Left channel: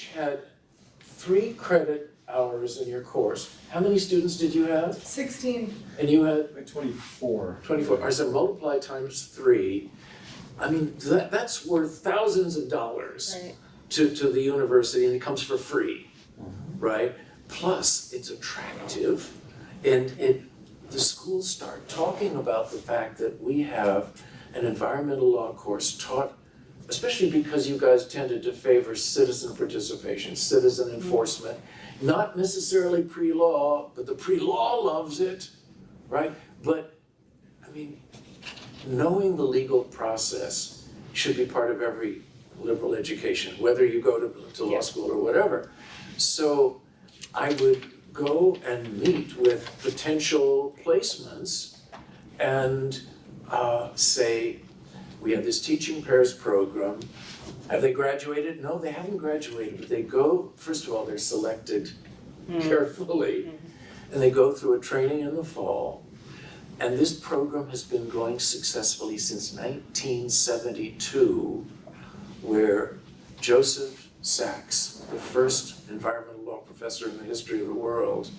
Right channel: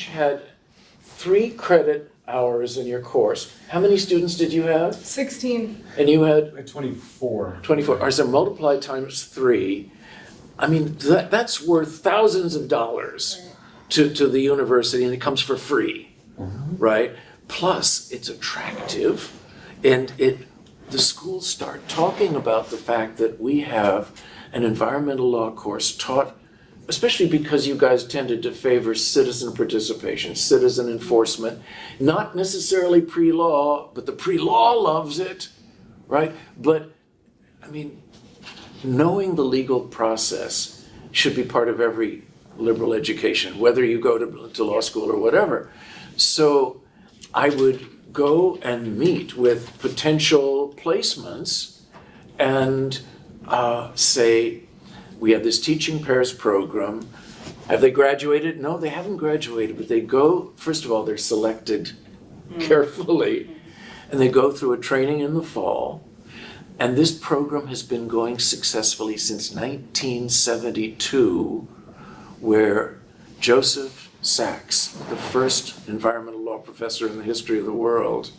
each had 3 credit hours in your course. How many students did you have? 16. And you had? 24. 24. I said multiply times 3. I mean, that's worth thousands of dollars Right. to the university, and it comes for free, right? Plus, it's attractive, and the schools start talking about the fact that we have an environmental law course taught, especially because you guys tended to favor citizen participation, citizen enforcement, not necessarily pre-law, but the pre-law loves it, right? But, I mean, knowing the legal process should be part of every liberal education, whether you go to law school or whatever. So I would go and meet with potential placements and say, we have this Teaching Pairs program. Have they graduated? No, they haven't graduated, but they go, first of all, they're selected carefully, and they go through a training in the fall. And this program has been going successfully since 1972, where Joseph Sachs, the first environmental law professor in the history of the world,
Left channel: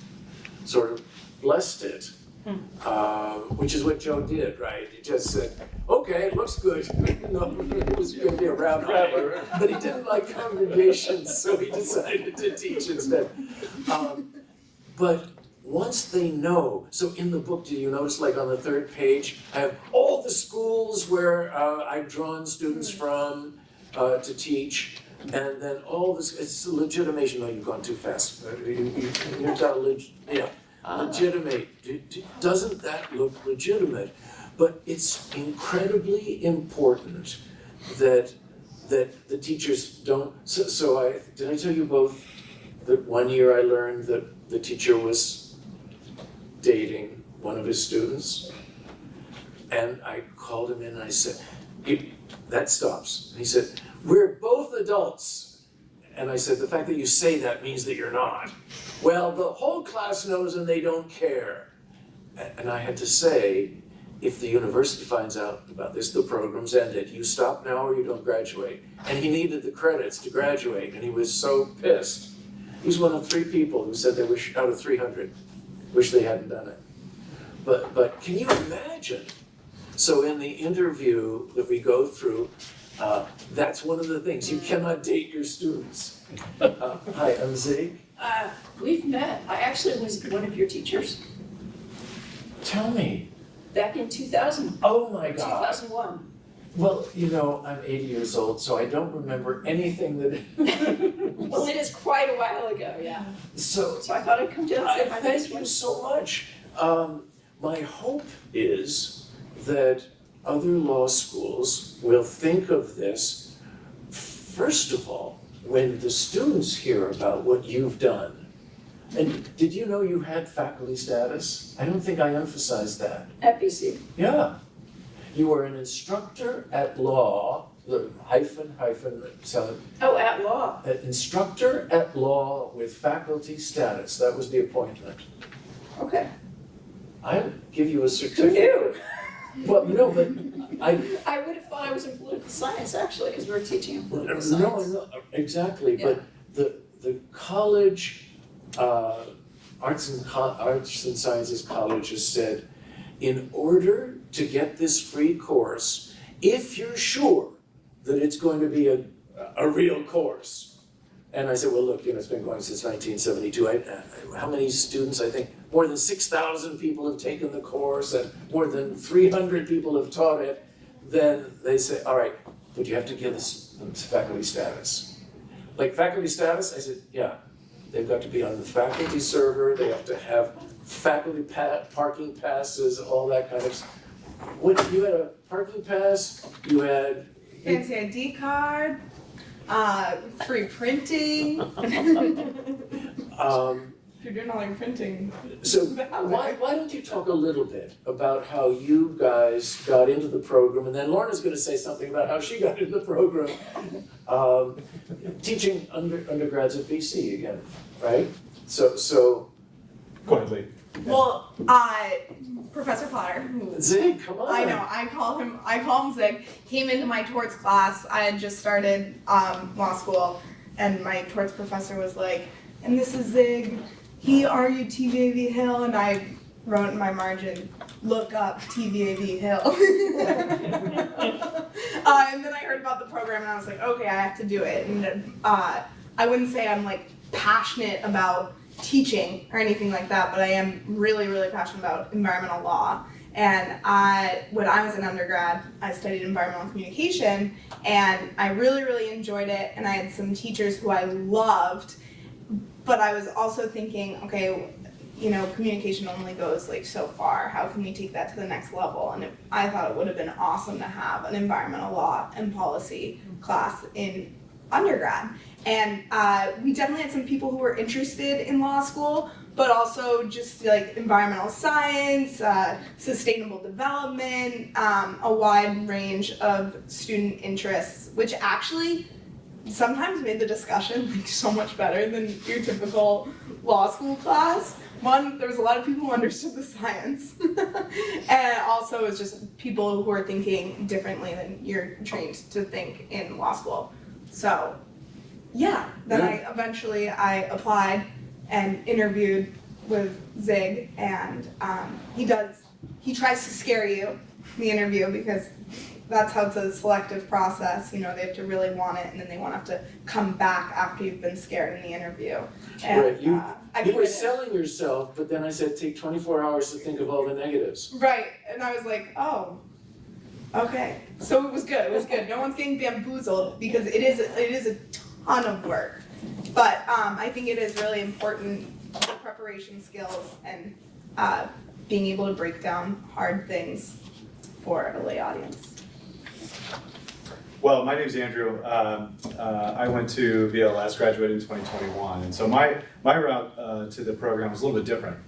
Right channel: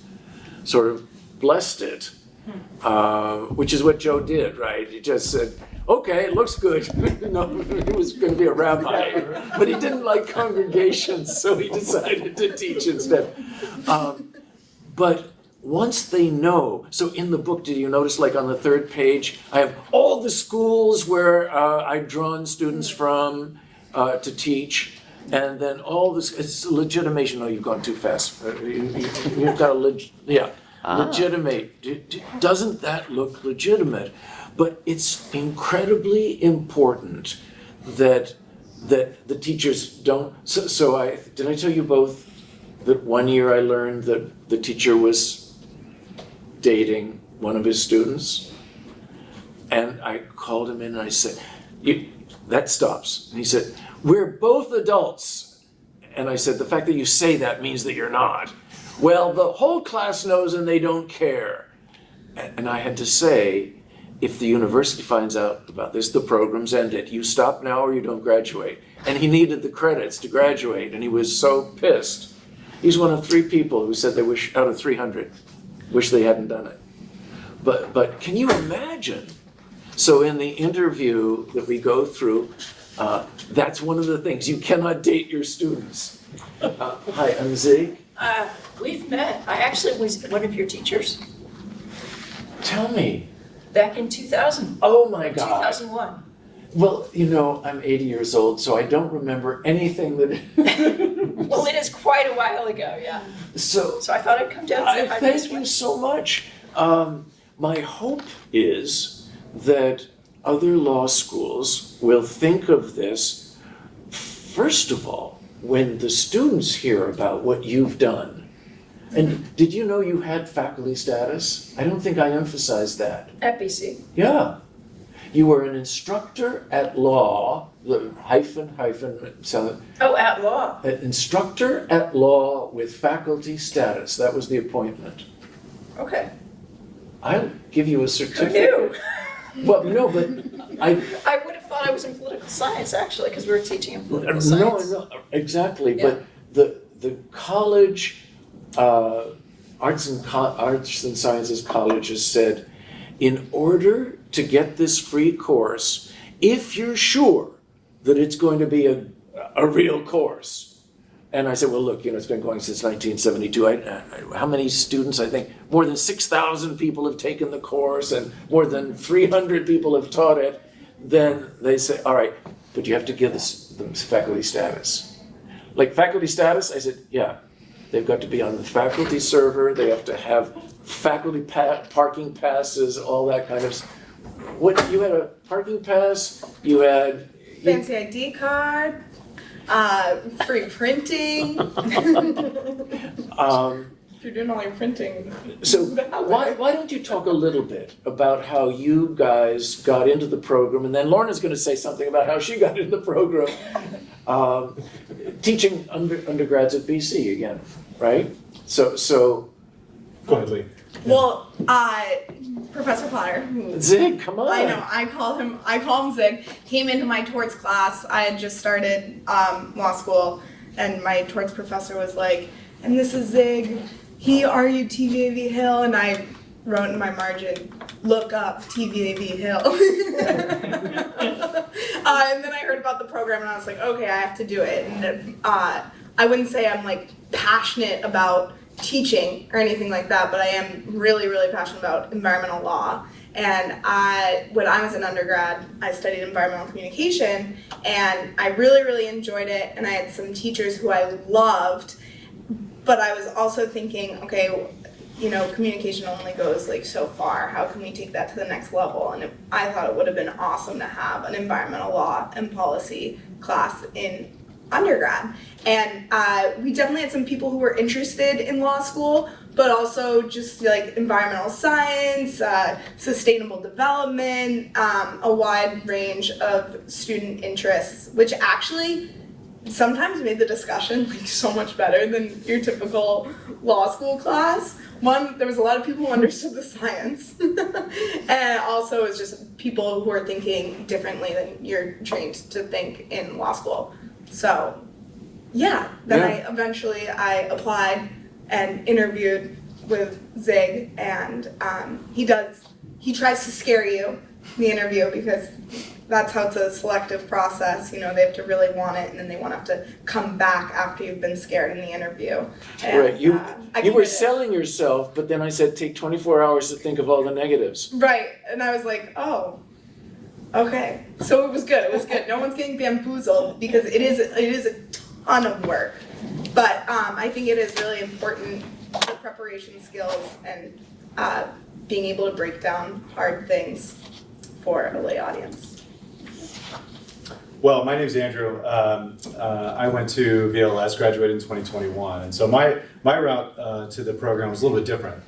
sort of blessed it, which is what Joe did, right? He just said, okay, it looks good. No, he was going to be a rabbi, but he didn't like congregations, so he decided to teach instead. But once they know, so in the book, did you notice, like on the 3rd page, I have all the schools where I've drawn students from to teach, and then all this, it's legitimation. No, you've gone too fast. You've got legitimate. Doesn't that look legitimate? But it's incredibly important that the teachers don't, so did I tell you both that one year I learned that the teacher was dating one of his students? And I called him in and I said, that stops. And he said, we're both adults. And I said, the fact that you say that means that you're not. Well, the whole class knows and they don't care. And I had to say, if the university finds out about this, the program's ended. You stop now or you don't graduate. And he needed the credits to graduate, and he was so pissed. He's one of 3 people who said they wish, out of 300, wish they hadn't done it. But can you imagine? So in the interview that we go through, that's one of the things. You cannot date your students. Hi, I'm Zig. We've met. I actually was one of your teachers Tell me. back in 2000. Oh my God. 2001. Well, you know, I'm 80 years old, so I don't remember anything that. Well, it is quite a while ago, yeah. So So I thought I'd come down and say hi thank this you way. so much. My hope is that other law schools will think of this, first of all, when the students hear about what you've done. And did you know you had faculty status? I don't think I emphasized that. At BC. Yeah. You were an instructor at law, sound Oh, at law. an instructor at law with faculty status. That was the appointment. Okay. I'll give you a Who certificate. knew? Well, no, but I I would have thought I was in political science, actually, because we were teaching in political no, science. no, exactly. Yeah. But the college, arts and sciences colleges said, in order to get this free course, if you're sure that it's going to be a real course. And I said, well, look, you know, it's been going since 1972. How many students? I think more than 6,000 people have taken the course and more than 300 people have taught it. Then they say, all right, but you have to give them faculty status. Like faculty status? I said, yeah, they've got to be on the faculty server. They have to have faculty parking passes, all that kind of stuff. What, you had a parking pass? You had... Fancy ID card, free printing. If you're doing all your printing. So why don't you talk a little bit about how you guys got into the program, and then Lorna's going to say something about how she got into the program, teaching undergrads at BC again, right? So Go ahead, Lee. Well, Professor Potter, who Zig, come on. I know, I call him Zig, came into my torts class. I had just started law school, and my torts professor was like, and this is Zig, he argued TVAV Hill, and I wrote in my margin, look up TVAV Hill. And then I heard about the program and I was like, okay, I have to do it. And I wouldn't say I'm like passionate about teaching or anything like that, but I am really, really passionate about environmental law. And when I was an undergrad, I studied environmental communication, and I really, really enjoyed it. And I had some teachers who I loved, but I was also thinking, okay, you know, communication only goes like so far. How can we take that to the next level? And I thought it would have been awesome to have an environmental law and policy class in undergrad. And we definitely had some people who were interested in law school, but also just like environmental science, sustainable development, a wide range of student interests, which actually sometimes made the discussion like so much better than your typical law school class. One, there was a lot of people who understood the science, and also it was just people who are thinking differently than you're trained to think in law school. So, yeah, then I applied and interviewed with Zig, and he tries to scare you in the interview because that's how it's a selective process. You know, they have to really want it, and then they won't have to come back after you've been scared in the interview. And, Right, you were committed. selling yourself, but then I said, take 24 hours to think of all the negatives. Right, and I was like, oh, okay. So it was good. It was good. No one's getting bamboozled because it is a ton of work, but I think it is really important for preparation skills and being able to break down hard things for a lay audience. Well, my name's Andrew. I went to VLS, graduated in 2021, and so my route to the program was a little bit different.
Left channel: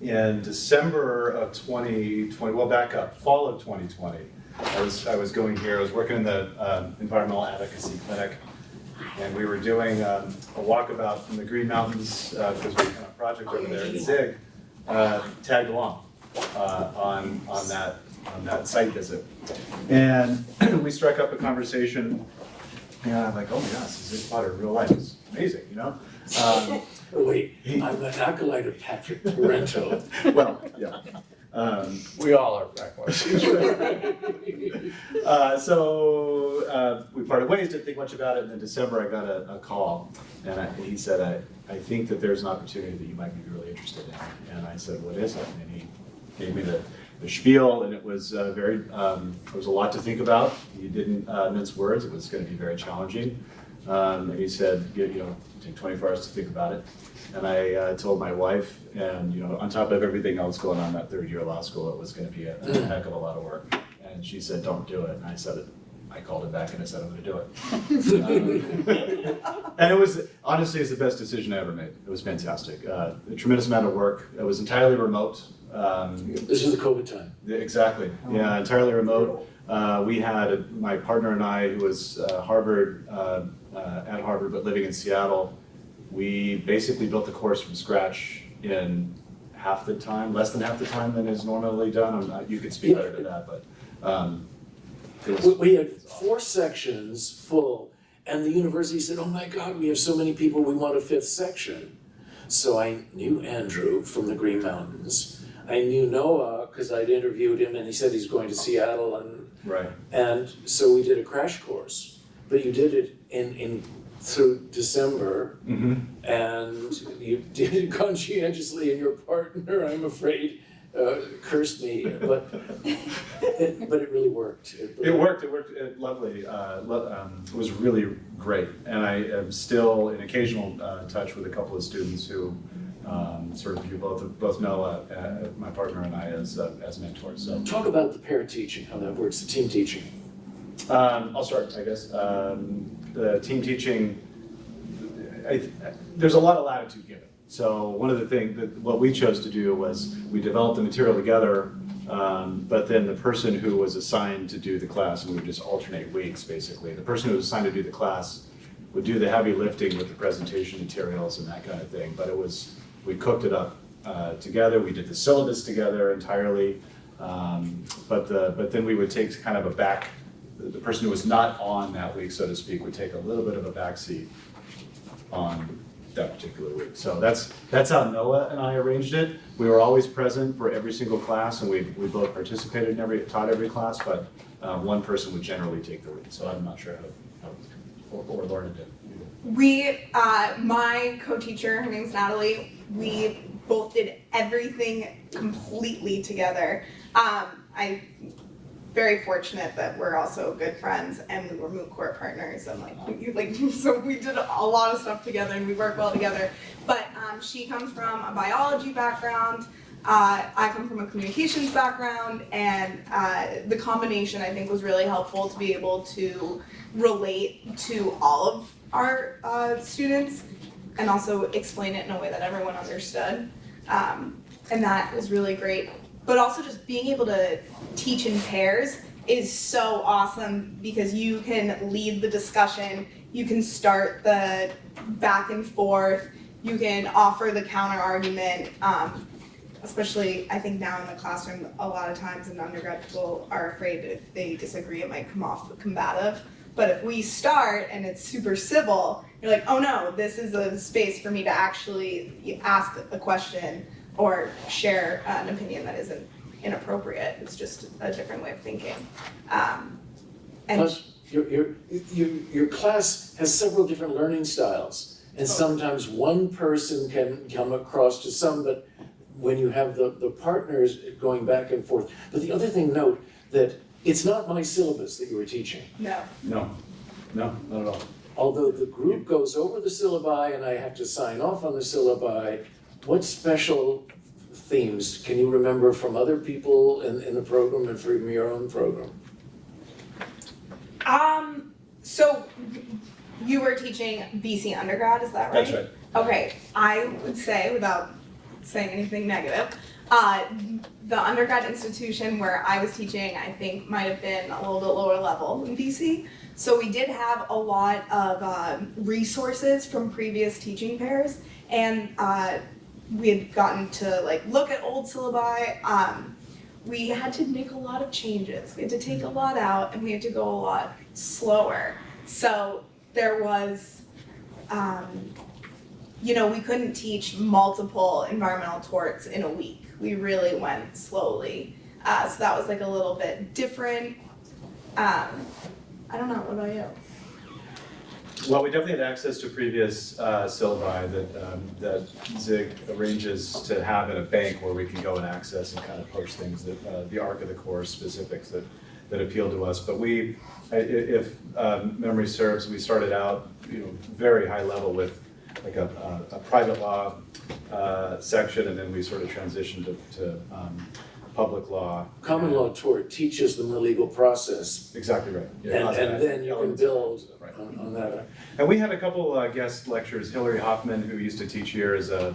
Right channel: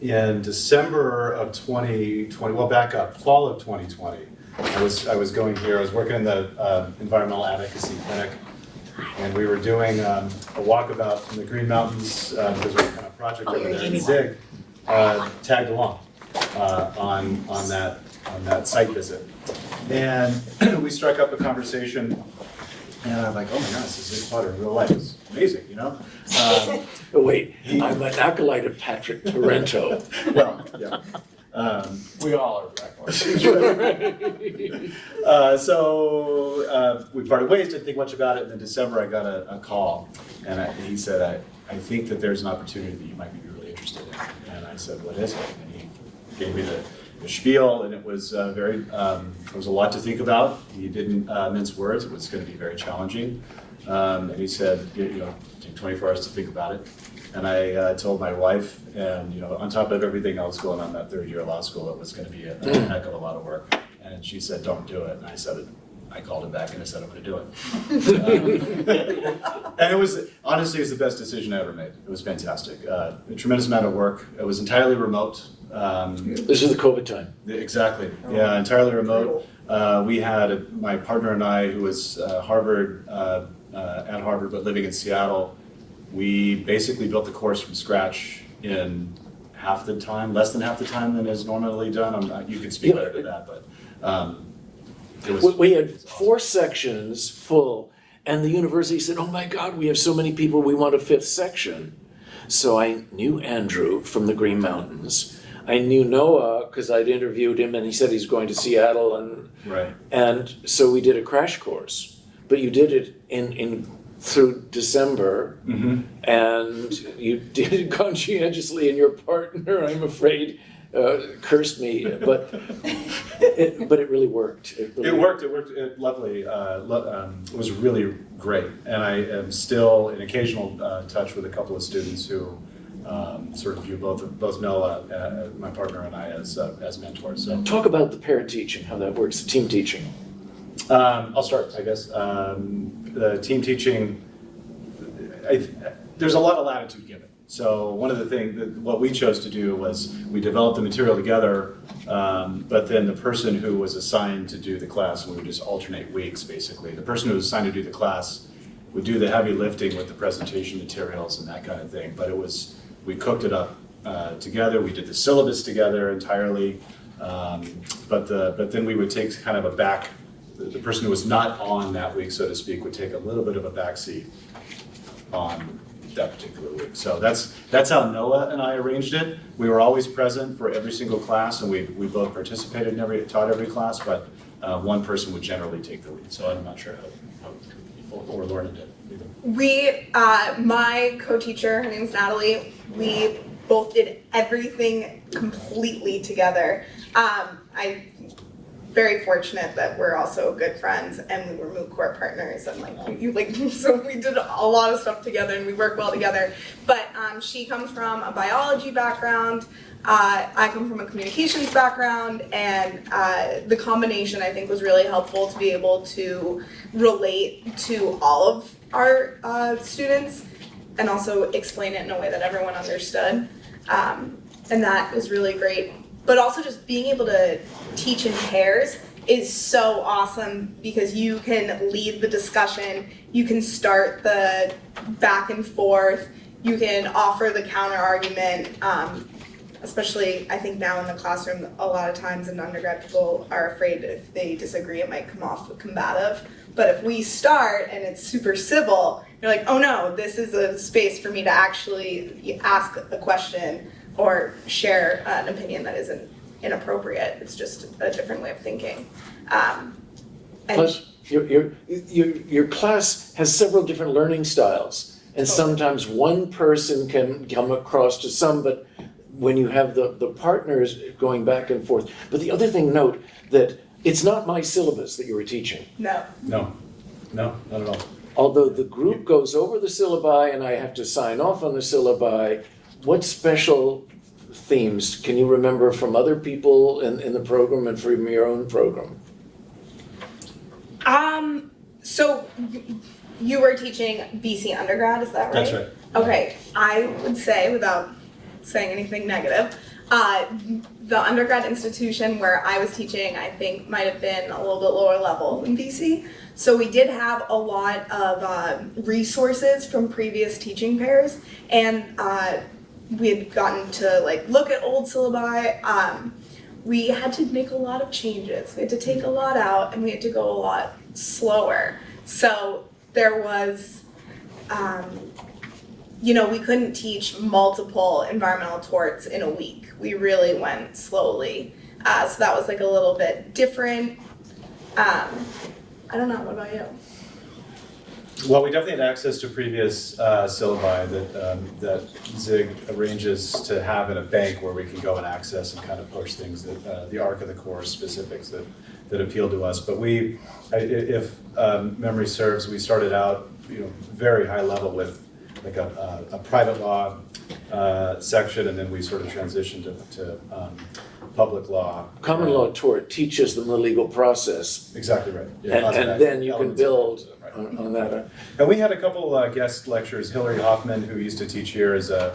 In December of 2020, well, back up, fall of 2020, I was going here. I was working in the environmental advocacy clinic, and we were doing a walkabout in the Green Mountains because we had kind of project over there. And Zig tagged along on that site visit. And we struck up a conversation, and I'm like, oh my gosh, this is Zig Potter in real life. It's amazing, you know? Oh, wait, I'm an acolyte of Patrick Torrento. Well, yeah. We all are reckless. So we parted ways, didn't think much about it, and in December I got a call, and he said, I think that there's an opportunity that you might be really interested in. And I said, what is it? And he gave me the spiel, and it was there was a lot to think about. He didn't mince words. It was going to be very challenging. And he said, you know, take 24 hours to think about it. And I told my wife, and you know, on top of everything else going on that third year of law school, it was going to be a heck of a lot of work. And she said, don't do it. And I said, I called him back and I said, I'm going to do it. And it was, honestly, it's the best decision I ever made. It was fantastic. A tremendous amount of work. It was entirely remote. This is the COVID time. Exactly. Yeah, entirely remote. We had my partner and I, who was at Harvard, but living in Seattle. We basically built the course from scratch in half the time, less than half the time than is normally done. You could speak better to that, but it was. We had 4 sections full, and the university said, oh my God, we have so many people, we want a 5th section. So I knew Andrew from the Green Mountains. I knew Noah because I'd interviewed him, and he said he's going to Seattle, and so we did a crash course. But you did it in through December, and you did it conscientiously, and your partner, I'm afraid, cursed me, but it really worked. It worked lovely. It was really great, and I am still in occasional touch with a couple of students who sort of view both Noah, my partner, and I as mentors. So Talk about the pair teaching, how that works, the team teaching. I'll start, I guess. The team teaching, there's a lot of latitude given. So one of the things, what we chose to do was we developed the material together, but then the person who was assigned to do the class, and we would just alternate weeks basically, the person who was assigned to do the class would do the heavy lifting with the presentation materials and that kind of thing. But we cooked it up together, we did the syllabus together entirely, but then we would take kind of a back the person who was not on that week, so to speak, would take a little bit of a backseat on that particular week. So that's how Noah and I arranged it. We were always present for every single class, and we both participated in taught every class, but one person would generally take the lead. So I'm not sure how or Lorna did. My co-teacher, her name's Natalie, we both did everything completely together. I'm very fortunate that we're also good friends and we were moot court partners and so we did a lot of stuff together and we work well together. But she comes from a biology background, I come from a communications background, and the combination I think was really helpful to be able to relate to all of our students and also explain it in a way that everyone understood. And that was really great. But also just being able to teach in pairs is so awesome because you can lead the discussion, you can start the back and forth, you can offer the counter argument. Especially, I think now in the classroom, a lot of times in undergrad, people are afraid if they disagree, it might come off combative. But if we start and it's super civil, you're like, oh no, this is a space for me to actually ask a question or share an opinion that isn't inappropriate. It's just a different way of thinking. And Plus, your class has several different learning styles, and sometimes one person can come across to some, but when you have the partners going back and forth. But the other thing, note that it's not my syllabus that you were teaching. no. No, not at all. Although the group goes over the syllabi and I have to sign off on the syllabi, what special themes can you remember from other people in the program and from your own program? So you were teaching BC undergrad, is that right? That's right. Okay, I would say, without saying anything negative, the undergrad institution where I was teaching, I think, might have been a little bit lower level than BC. So we did have a lot of resources from previous teaching pairs, and we had gotten to look at old syllabi. We had to make a lot of changes. We had to take a lot out, and we had to go a lot slower. So there was, we couldn't teach multiple environmental torts in a week. We really went slowly. So that was a little bit different. I don't know, what about you? Well, we definitely had access to previous syllabi that Zig arranges to have in a bank where we can go and access and kind of push things that the arc of the course specifics that appeal to us. But if memory serves, we started out very high level with a private law section, and then we sort of transitioned to public law. Common law tort teaches them the legal process. Exactly right. And then you can build on that. And we had a couple guest lectures. Hillary Hoffman, who used to teach here, is a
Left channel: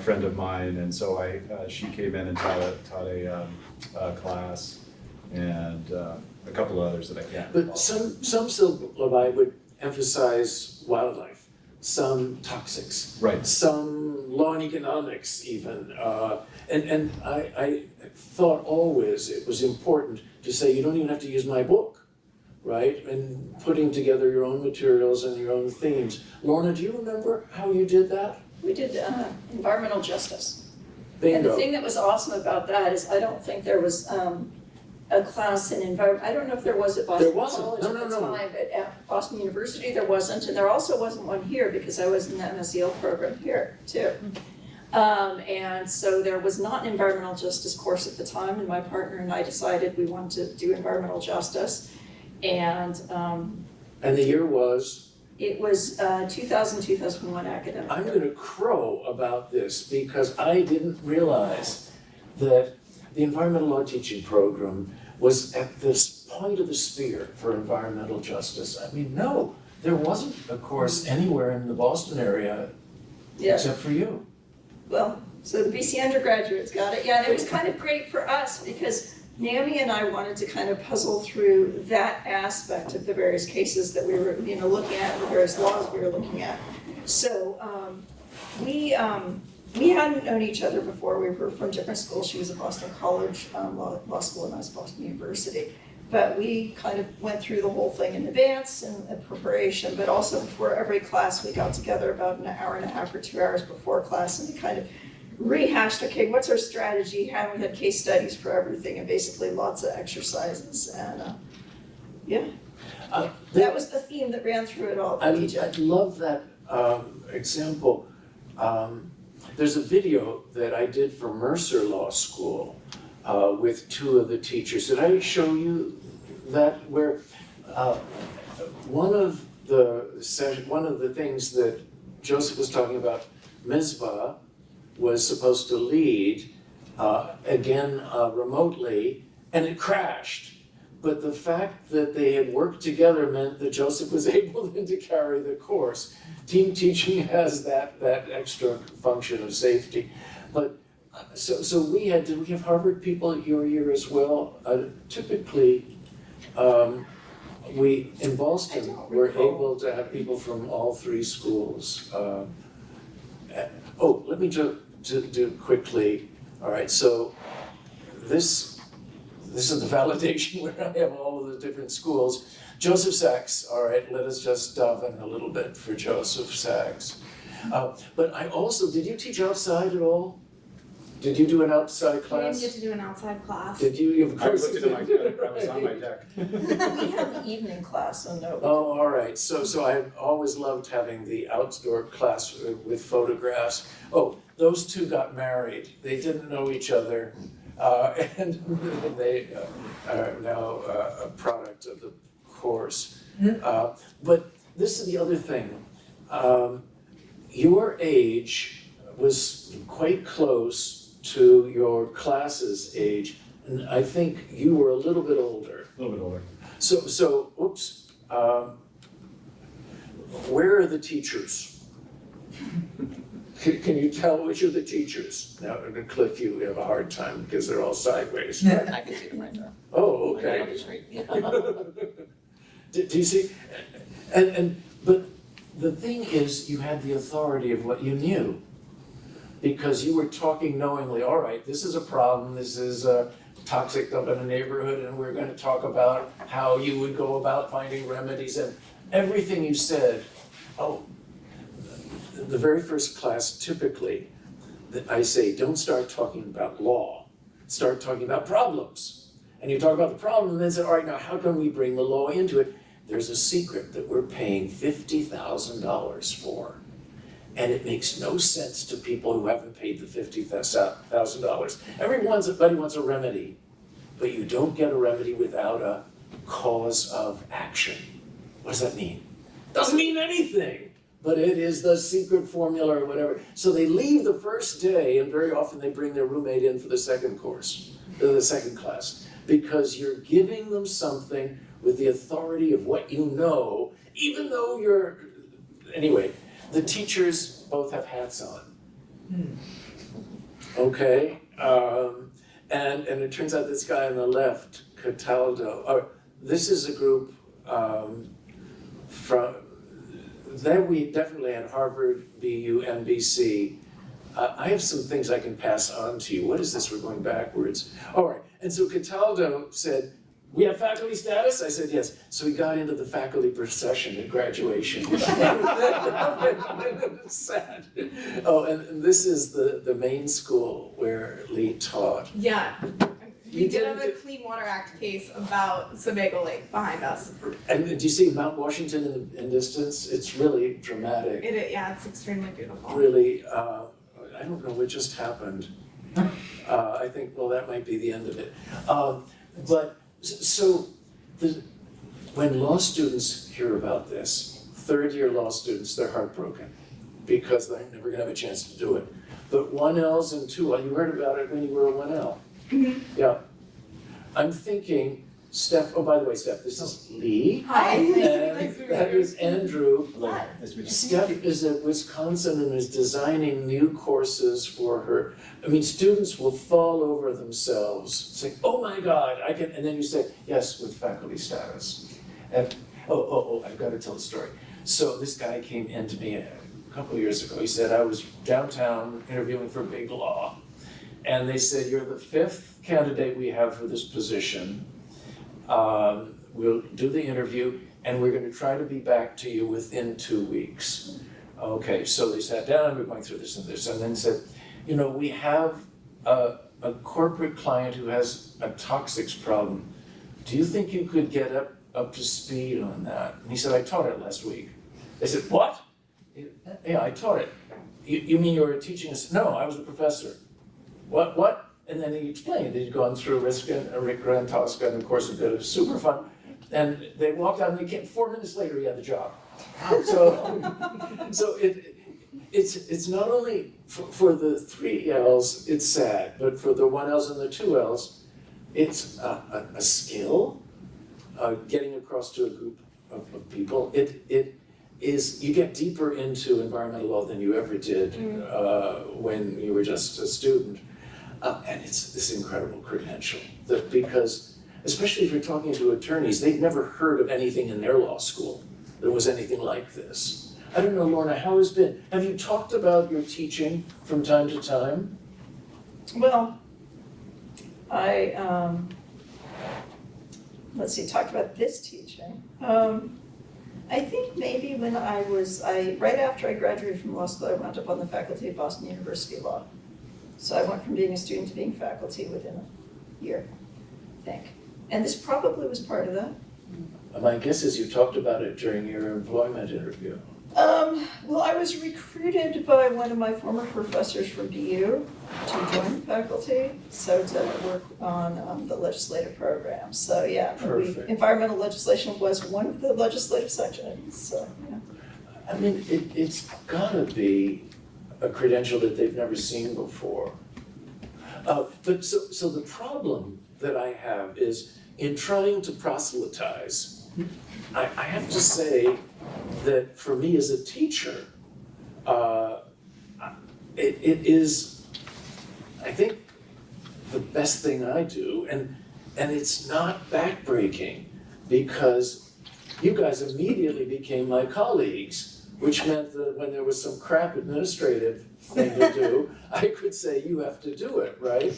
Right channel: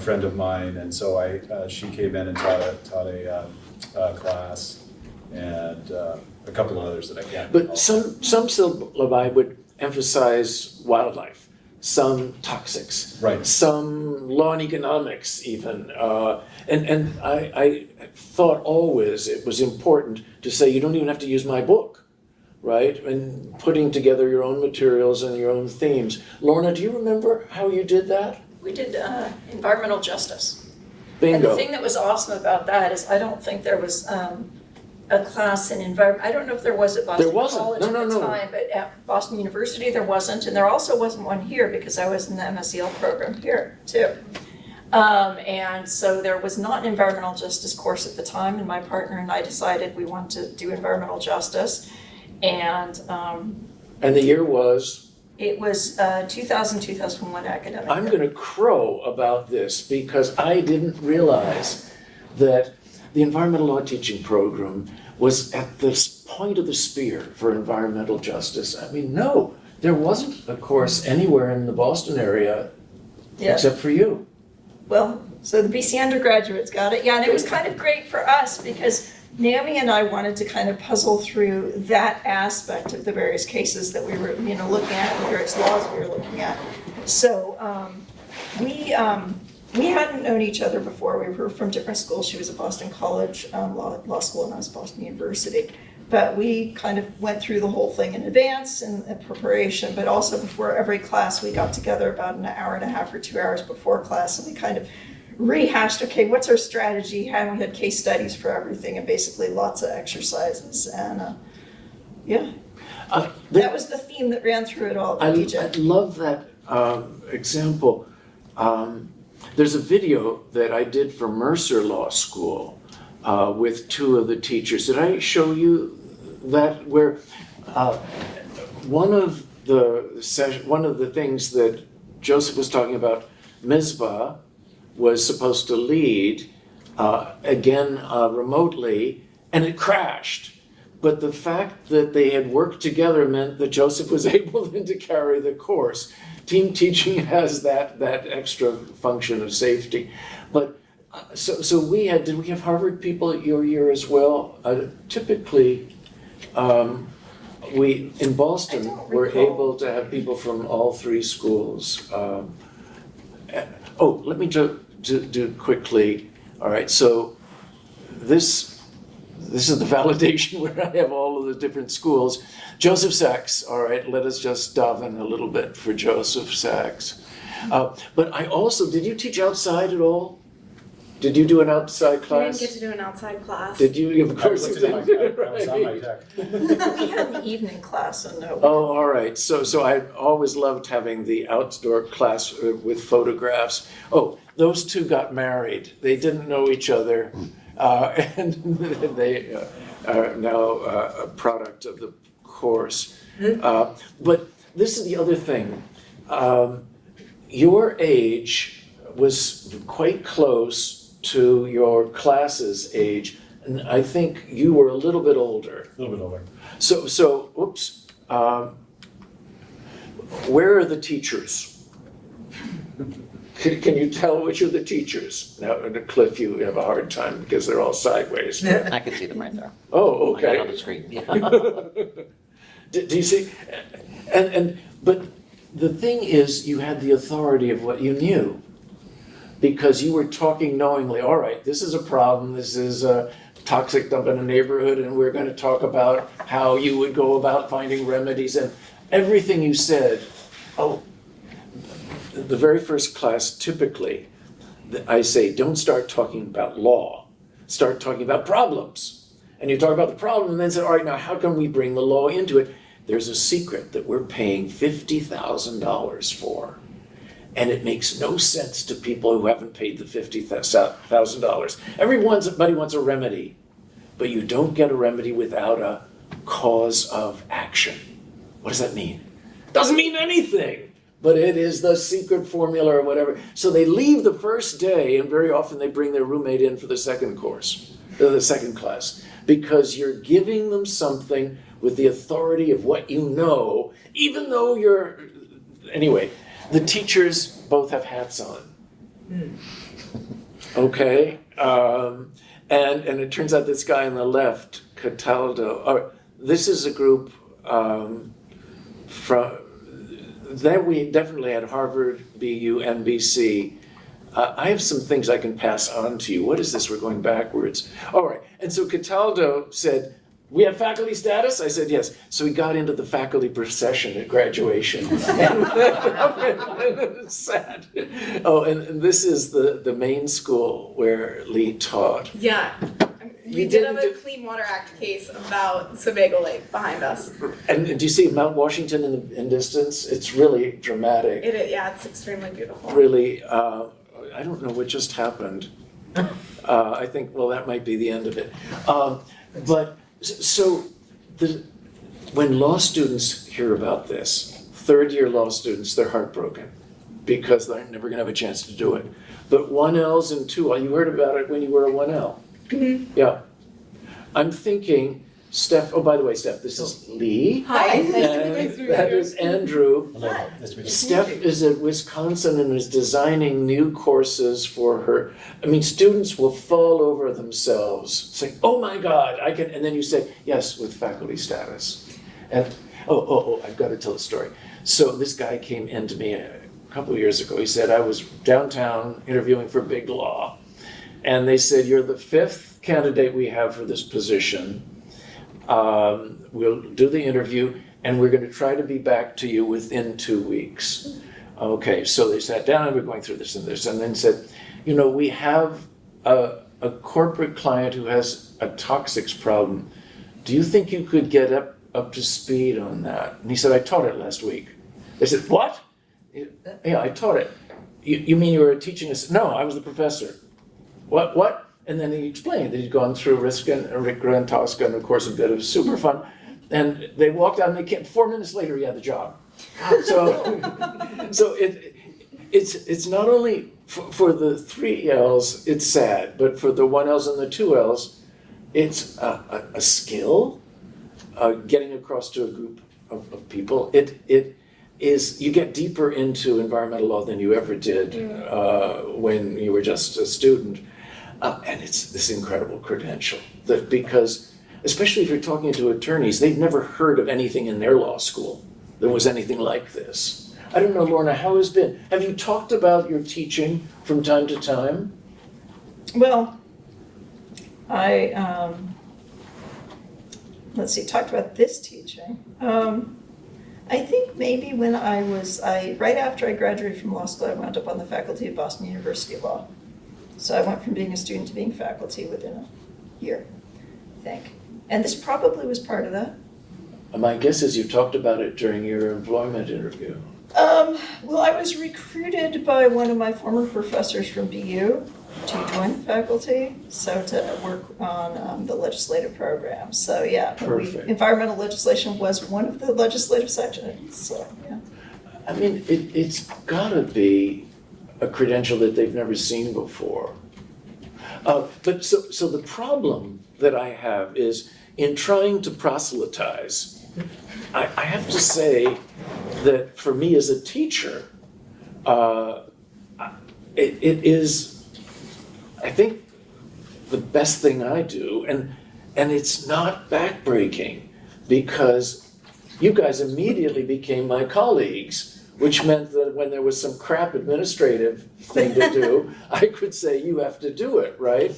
friend of mine, and so she came in and taught a class, and a couple of others that I can't recall. But some syllabi would emphasize wildlife, some toxics, Right. some law and economics even. And I thought always it was important to say you don't even have to use my book, right? And putting together your own materials and your own themes. Lorna, do you remember how you did that? We did environmental justice. Bingo. And the thing that was awesome about that is I don't think there was a class in environment. I don't know if there was at Boston College at the time, but at Boston University there wasn't, and there also wasn't one here because I was in the MSEL program here too. And so there was not an environmental justice course at the time, and my partner and I decided we wanted to do environmental justice, and the year was? it was 2000-2001 academic I'm year. gonna crow about this because I didn't realize that the environmental law teaching program was at this point of the spear for environmental justice. I mean, no, there wasn't a course anywhere in the Boston area Yeah. except for you. Well, so the BC undergraduates got it, yeah, and it was kind of great for us because Naomi and I wanted to kind of puzzle through that aspect of the various cases that we were, looking at, the various laws we were looking at. So we hadn't known each other before. We were from different schools. She was at Boston College Law School, and I was at Boston University. But we kind of went through the whole thing in advance and preparation, but also before every class, we got together about an hour and a half or 2 hours before class, and we kind of rehashed, okay, what's our strategy? How we had case studies for everything, and basically lots of exercises, and yeah. That was the theme that ran through it all, I DJ. love that example. There's a video that I did for Mercer Law School with two of the teachers. Did I show you that? Where one of the things that Joseph was talking about, Mizpah was supposed to lead again remotely, and it crashed. But the fact that they had worked together meant that Joseph was able then to carry the course. Team teaching has that extra function of safety. But so did we have Harvard people at your year as well? Typically, we in Boston were able to have people from all three schools. Let me do quickly. All right, so this is the validation where I have all of the different schools. Joseph Sachs, all right, let us just daven a little bit for Joseph Sachs. But I also, did you teach outside at all? Did you do an outside We class? didn't get to do an outside class. Did you? Of I course looked you at did. I was on my deck. We had the evening class, and no. Oh, all right. So I always loved having the outdoor class with photographs. Oh, those two got married. They didn't know each other. And they are now a product of the course. But this is the other thing. Your age was quite close to your class's age, and I think you were a little bit older. A little bit older. So, oops. Where are the teachers? Can you tell which are the teachers? Now, in a cliff, you have a hard time because they're all sideways. I can see them right there. Oh, Right on okay. the screen. Do you see? But the thing is, you had the authority of what you knew. Because you were talking knowingly, all right, this is a problem, this is a toxic dump in a neighborhood, and we're gonna talk about how you would go about finding remedies, and everything you said, the very first class, typically, I say, don't start talking about law, start talking about problems. And you talk about the problem, and then say, all right, now how can we bring the law into it? There's a secret that we're paying $50,000 for. And it makes no sense to people who haven't paid the $50,000. Everybody wants a remedy, but you don't get a remedy without a cause of action. What does that mean? Doesn't mean anything, but it is the secret formula or whatever. So they leave the first day, and very often they bring their roommate in for the second course, the second class, because you're giving them something with the authority of what you know, even though anyway. The teachers both have hats on. Okay? And it turns out this guy on the left, Cataldo, this is a group that we definitely had Harvard, BU, NBC. I have some things I can pass on to you. What is this? We're going backwards. All right. And so Cataldo said, we have faculty status? I said, yes. So we got into the faculty procession at graduation. Sad. Oh, and this is the main school where Lee taught. Yeah. We You did have didn't a Clean Water Act case about Sebago Lake behind us. And do you see Mount Washington in distance? It's really dramatic. It's extremely beautiful. Really, I don't know what just happened. I think, well, that might be the end of it. But so when law students hear about this, third-year law students, they're heartbroken because they're never gonna have a chance to do it. But 1Ls and 2L, you heard about it when you were a 1L. Mm-hmm. Yeah. I'm thinking, Steph, oh, by the way, Steph, this is Lee. Hi. And Nice to meet that you. is Andrew. Hello, nice to meet you. Steph is at Wisconsin and is designing new courses for her. I mean, students will fall over themselves, saying, oh my God, I can, and then you say, yes, with faculty status. And, I've got to tell a story. So this guy came in to me a couple of years ago. He said, I was downtown interviewing for Big Law. And they said, you're the 5th candidate we have for this position. We'll do the interview, and we're gonna try to be back to you within 2 weeks. Okay, so they sat down and we're going through this, and then said, you know, we have a corporate client who has a toxics problem. Do you think you could get up to speed on that? And he said, I taught it last week. They said, what? Yeah, I taught it. You mean you were teaching us? No, I was the professor. What? And then he explained that he'd gone through Rigor and Tosca, and of course a bit of Superfund. And they walked out and they came, 4 minutes later he had the job. So it's not only for the 3 L's, it's sad, but for the 1 L's and the 2 L's, it's a skill, getting across to a group of people. It is, you get deeper into environmental law than you ever did when you were just a student. And it's this incredible credential that, because, especially if you're talking to attorneys, they've never heard of anything in their law school that was anything like this. I don't know, Lorna, how has it been? Have you talked about your teaching from time to time? Well, I, talked about this teaching. I think maybe when right after I graduated from law school, I wound up on the faculty of Boston University Law. So I went from being a student to being faculty within a year, I think. And this probably was part of that. My guess is you talked about it during your employment interview. Well, I was recruited by one of my former professors from BU to join the faculty, so to work on the legislative program. So yeah, Perfect. Environmental legislation was one of the legislative sections, so yeah. I mean, it's gotta be a credential that they've never seen before. But so the problem that I have is in trying to proselytize, I have to say that for me as a teacher, it is, I think, the best thing I do, and it's not backbreaking, because you guys immediately became my colleagues, which meant that when there was some crap administrative thing to do, I could say, you have to do it, right?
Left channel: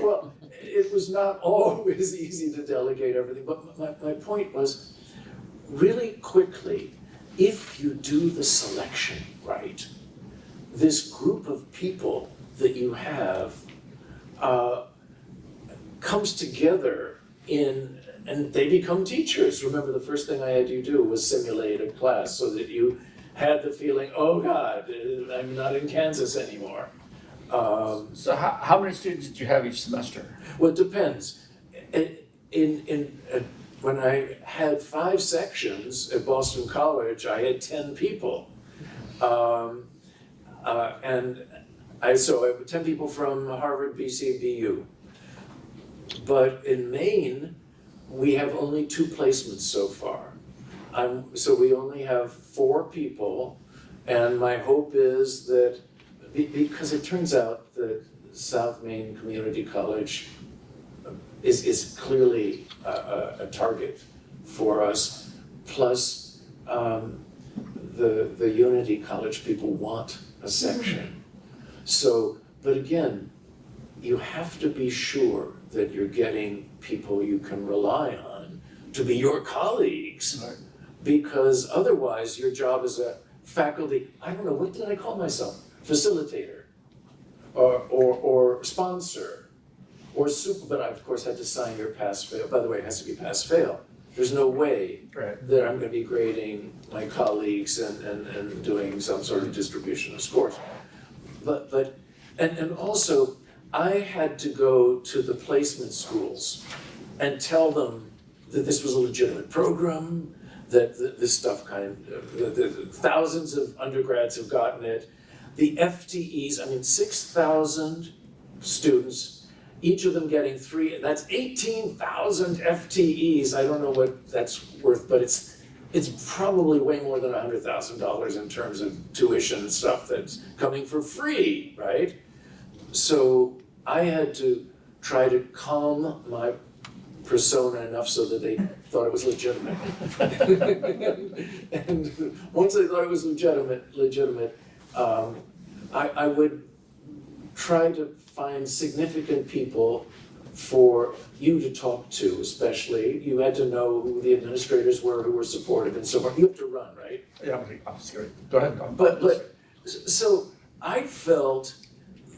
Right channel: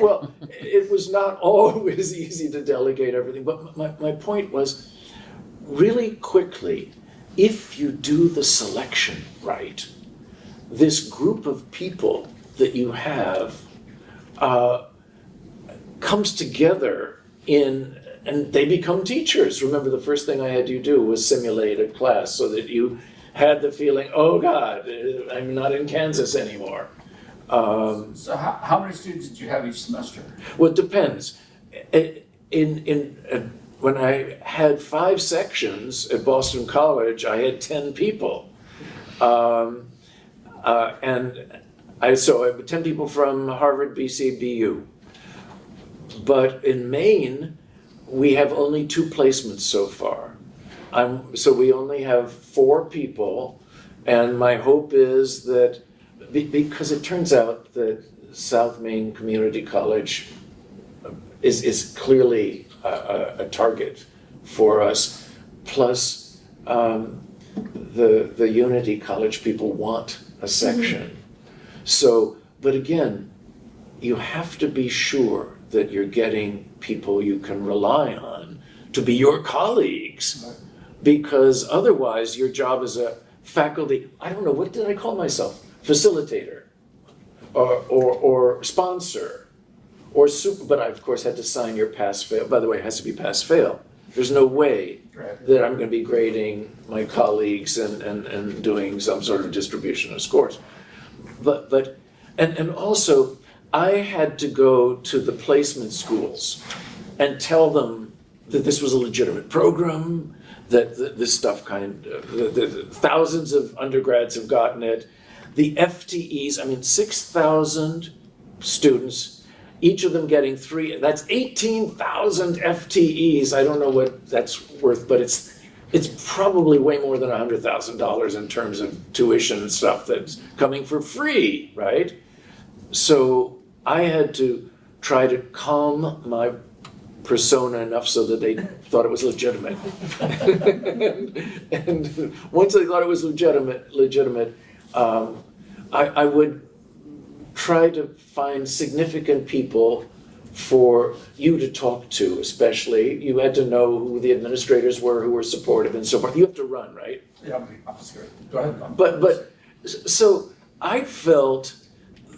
Well, it was not always easy to delegate everything, but my point was, really quickly, if you do the selection right, this group of people that you have comes together and they become teachers. Remember, the first thing I had you do was simulate a class so that you had the feeling, oh God, I'm not in Kansas anymore. So how many students did you have each semester? Well, it depends. When I had 5 sections at Boston College, I had 10 people. And I had 10 people from Harvard, BC, BU. But in Maine, we have only 2 placements so far. So we only have 4 people, and my hope is that, because it turns out that South Maine Community College is clearly a target for us, plus the Unity College people want a section. So, but again, you have to be sure that you're getting people you can rely on to be your colleagues. Right. Because otherwise your job as a faculty, I don't know, what did I call myself? Facilitator, or sponsor, or super, but I of course had to sign your pass-fail. By the way, it has to be pass-fail. There's no way that I'm gonna be grading my colleagues and doing some sort of distribution of scores. And also, I had to go to the placement schools and tell them that this was a legitimate program, that this stuff the thousands of undergrads have gotten it. The FTEs, 6,000 students, each of them getting 3, that's 18,000 FTEs. I don't know what that's worth, but it's probably way more than $100,000 in terms of tuition and stuff that's coming for free, right? So I had to try to calm my persona enough so that they thought it was legitimate. And once they thought it was legitimate, I would try to find significant people for you to talk to, especially. You had to know who the administrators were, who were supportive and so forth. You have to run, right? Yeah, I'm scared. Go ahead. But so I felt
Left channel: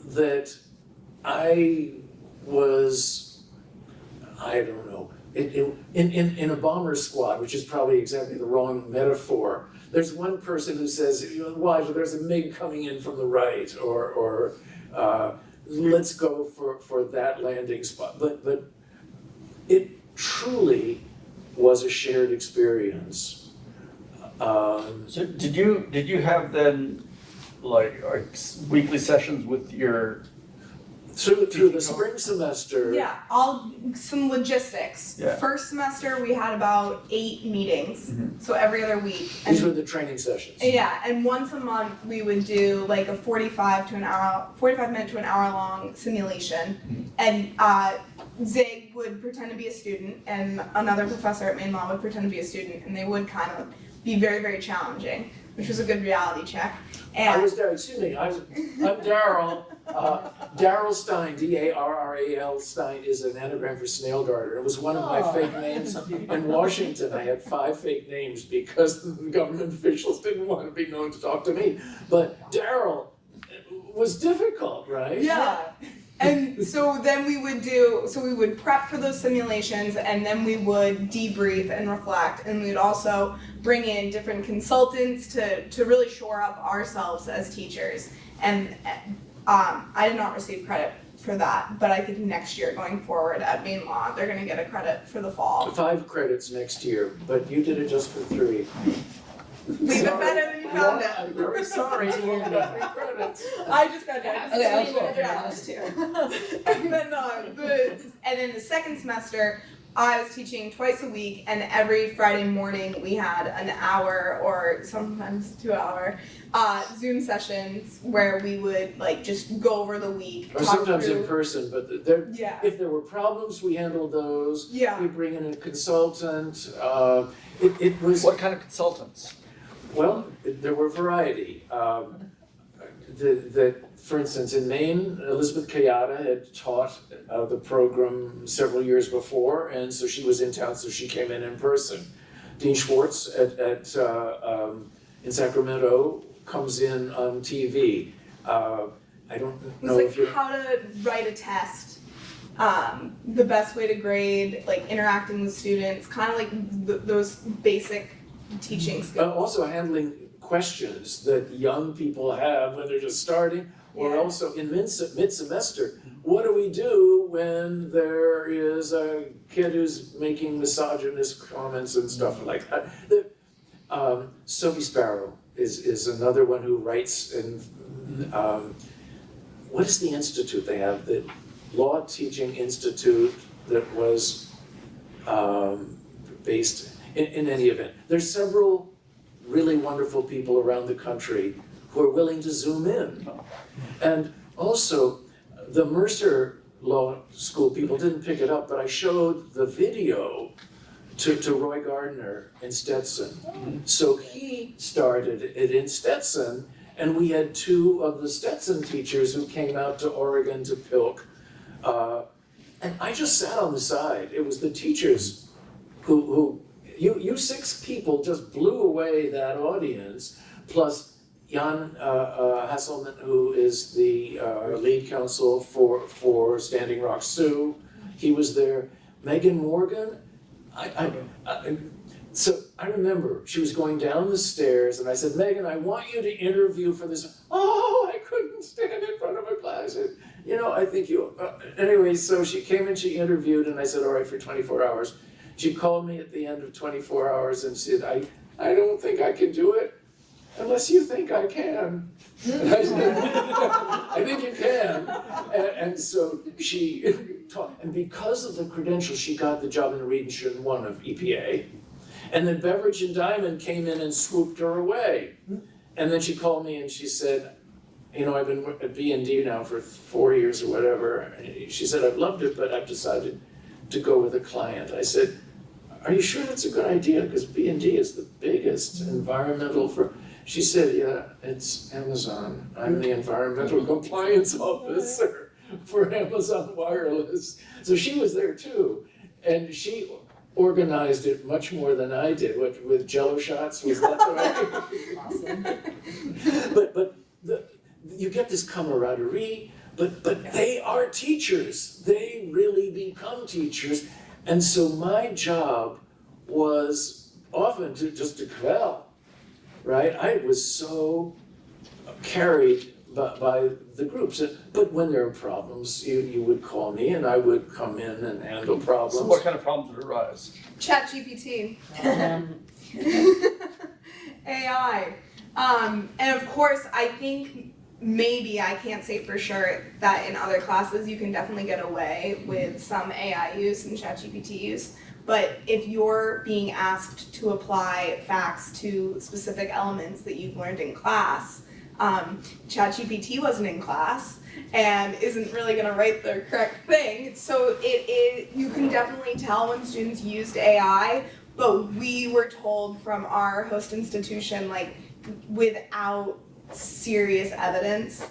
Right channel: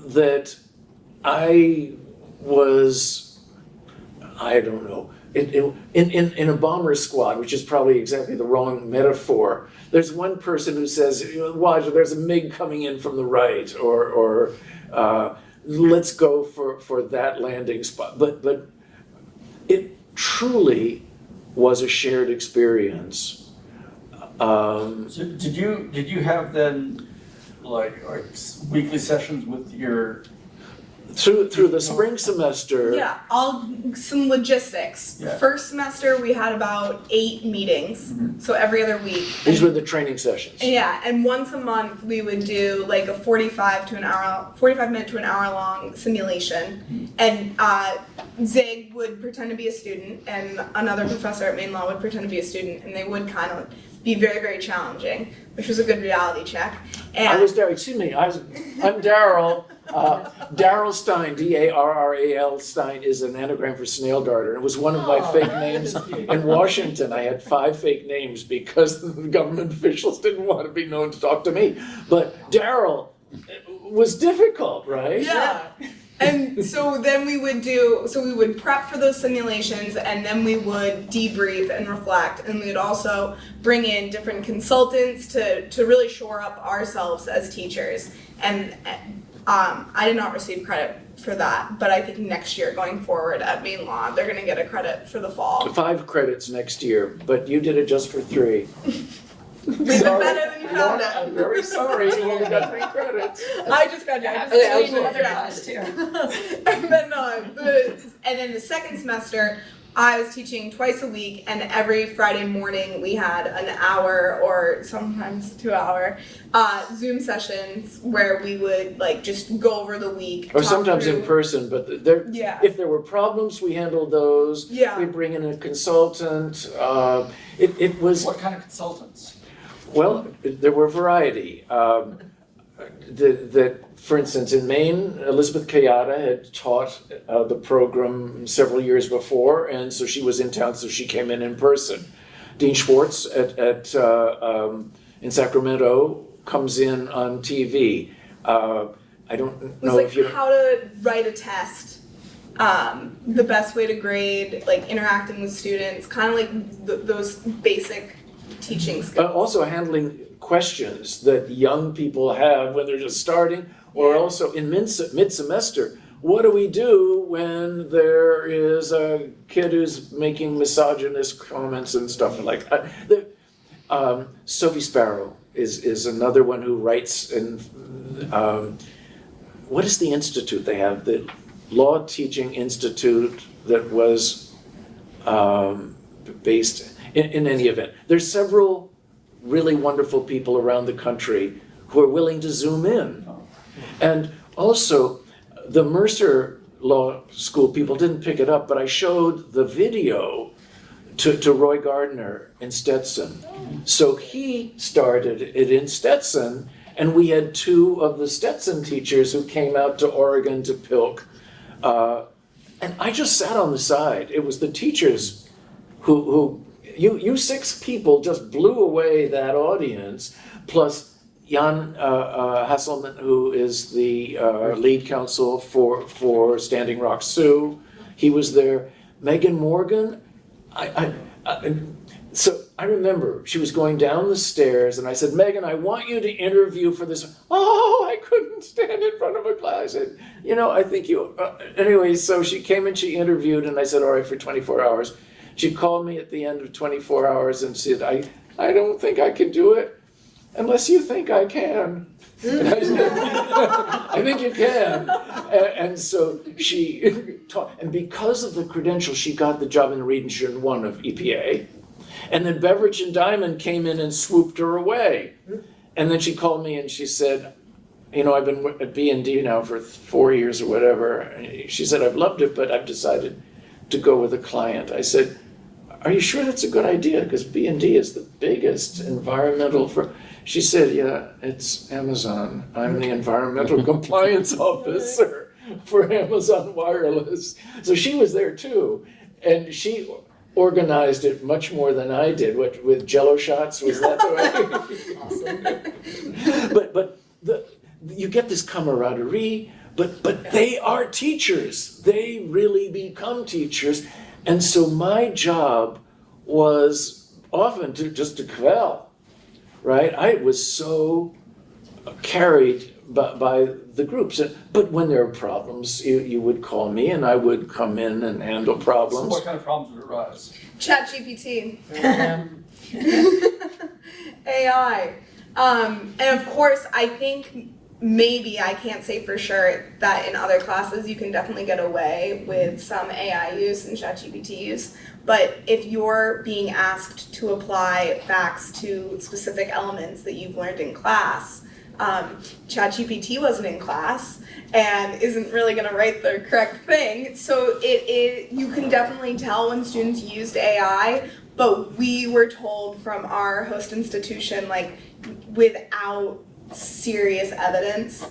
that I was, I don't know, in a bomber squad, which is probably exactly the wrong metaphor. There's one person who says, watch, there's a MiG coming in from the right, or let's go for that landing spot. But it truly was a shared experience. So did you have then like weekly sessions with your? Through the spring semester. Yeah, some logistics. Yeah. First semester we had about 8 meetings, so every other week. These were the training sessions. Yeah, and once a month we would do like a 45 minute to an hour long simulation, and Zig would pretend to be a student, and another professor at Maine Law would pretend to be a student, and they would kind of be very, very challenging, which was a good reality check. And I'm Daryl. Daryl Stein, D-A-R-R-A-L Stein, is an anagram for snail darter. It was one of my fake names in Washington. I had 5 fake names because the government officials didn't want to be known to talk to me. But Daryl was difficult, right? Yeah. And so then we would prep for those simulations, and then we would debrief and reflect, and we would also bring in different consultants to really shore up ourselves as teachers. And I did not receive credit for that, but I think next year going forward at Maine Law, they're gonna get a credit for the fall. 5 credits next year, but you did it just for 3. Leave it better than you found it. I'm very sorry to hear that 3 credits. I just got down. And then the second semester, I was teaching twice a week, and every Friday morning we had an hour or sometimes 2 hour Zoom sessions where we would like just go over the week. Or sometimes in person, but if there were problems, we handled those. Yeah. We bring in a consultant. It was. What kind of consultants? Well, there were variety. For instance, in Maine, Elizabeth Kayada had taught the program several years before, and so she was in town, so she came in person. Dean Schwartz in Sacramento comes in on TV. I don't It was know like if you. how to write a test, the best way to grade, like interacting with students, kind of like those basic teaching skills. Also handling questions that young people have when they're just starting, or also in mid-semester. What do we do when there is a kid who's making misogynist comments and stuff like that? Sophie Sparrow is another one who writes, and what is the institute they have? The Law Teaching Institute that was based in any event. There's several really wonderful people around the country who are willing to zoom in. And also, the Mercer Law School people didn't pick it up, but I showed the video to Roy Gardner in Stetson. So he started it in Stetson, and we had 2 of the Stetson teachers who came out to Oregon to Pilk. And I just sat on the side. It was the teachers who you 6 people just blew away that audience, plus Jan Hasselman, who is the lead counsel for Standing Rock Sioux. He was there. Megan Morgan, so I remember she was going down the stairs, and I said, Megan, I want you to interview for this. Oh, I couldn't stand in front of a class. I said, I think you, anyway, so she came and she interviewed, and I said, all right, for 24 hours. She called me at the end of 24 hours and said, I don't think I can do it unless you think I can. I think you can. And so she taught, and because of the credentials, she got the job in Region 1 of EPA. And then Beveridge and Diamond came in and swooped her away. And then she called me and she said, I've been at B&D now for 4 years or whatever. And she said, I've loved it, but I've decided to go with a client. I said, are you sure that's a good idea? Because B&D is the biggest environmental She said, yeah, it's Amazon. I'm the environmental compliance officer. for Amazon Wireless. So she was there too, and she organized it much more than I did. With Jello shots, was that the way? Awesome. But you get this camaraderie. But they are teachers. They really become teachers, and so my job was often to quell, right? I was so carried by the groups. But when there are problems, you would call me and I would come in and handle So problems. what kind of problems would arise? ChatGPT. Um, AI. And of course, I think maybe, I can't say for sure, that in other classes you can definitely get away with some AI use and ChatGPT use. But if you're being asked to apply facts to specific elements that you've learned in class, ChatGPT wasn't in class and isn't really going to write the correct thing. So you can definitely tell when students used AI, but we were told from our host institution, like, without serious evidence,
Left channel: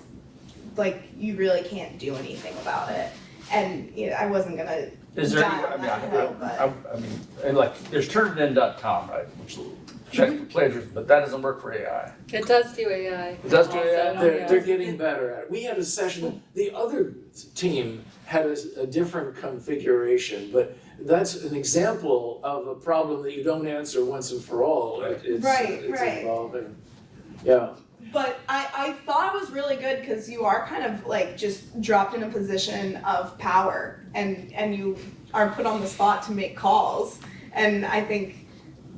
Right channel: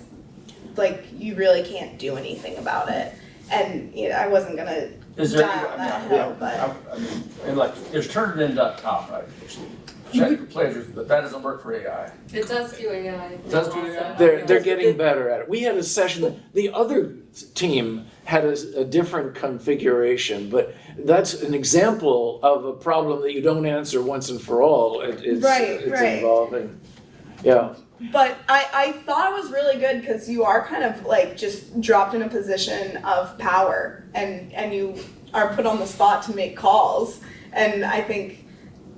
like, you really can't do anything about it. And I wasn't going to Is there die any, on that hill, but... I mean, and like, there's turnitin.com, right, which check for plagiarism, but that doesn't work for AI. It does do AI. It does do AI? They're getting better at it. We had a session, the other team had a different configuration, but that's an example of a problem that you don't answer once and for all. It's evolving. Yeah. But I thought it was really good because you are kind of like just dropped in a position of power and you are put on the spot to make calls. And I think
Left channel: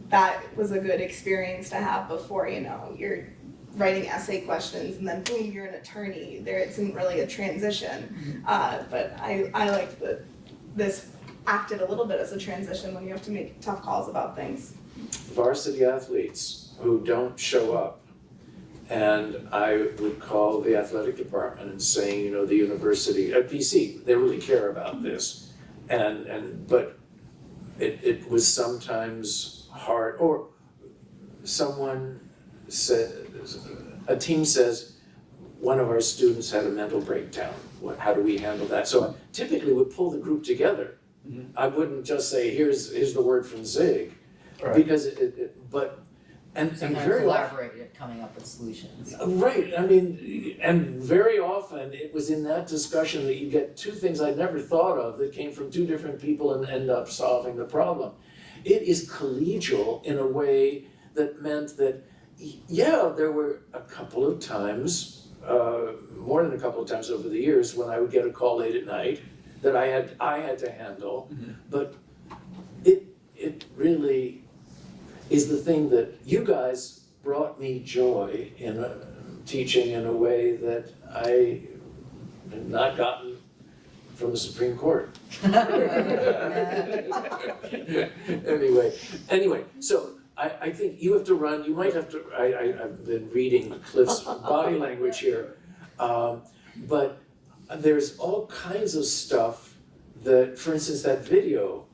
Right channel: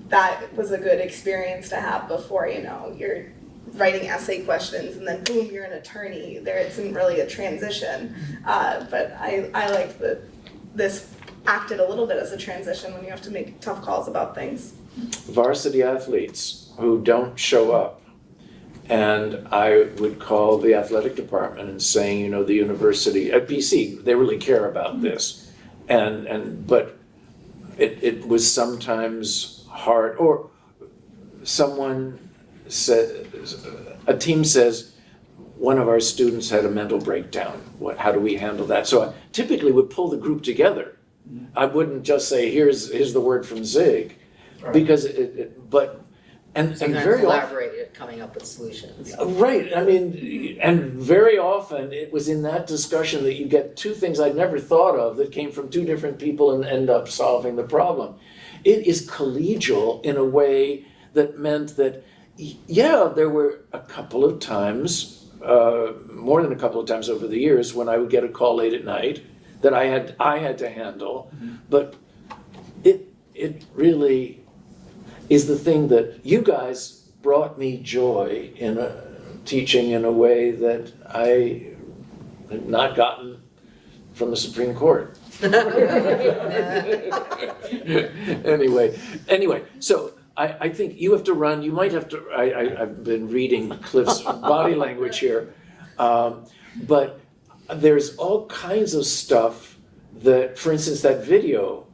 that was a good experience to have before, you're writing essay questions and then boom, you're an attorney. There isn't really a transition. But I liked that this acted a little bit as a transition when you have to make tough calls about things. Varsity athletes who don't show up. And I would call the athletic department and saying, the university at BC, they really care about this. But it was sometimes hard, or someone said, a team says, one of our students had a mental breakdown. How do we handle that? So I typically would pull the group together. I wouldn't just say, here's the word from Zig, Right. because and So you kind of very often, collaborated, coming up with solutions. right, I mean, and very often it was in that discussion that you get two things I'd never thought of that came from two different people and end up solving the problem. It is collegial in a way that meant that, yeah, there were a couple of times, more than a couple of times over the years, when I would get a call late at night that I had to handle, but it really is the thing that you guys brought me joy in teaching in a way that I have not gotten from the Supreme Court. Anyway, so I think you have to run, you might have to, I've been reading Cliff's body language here, but there's all kinds of stuff that, for instance, that video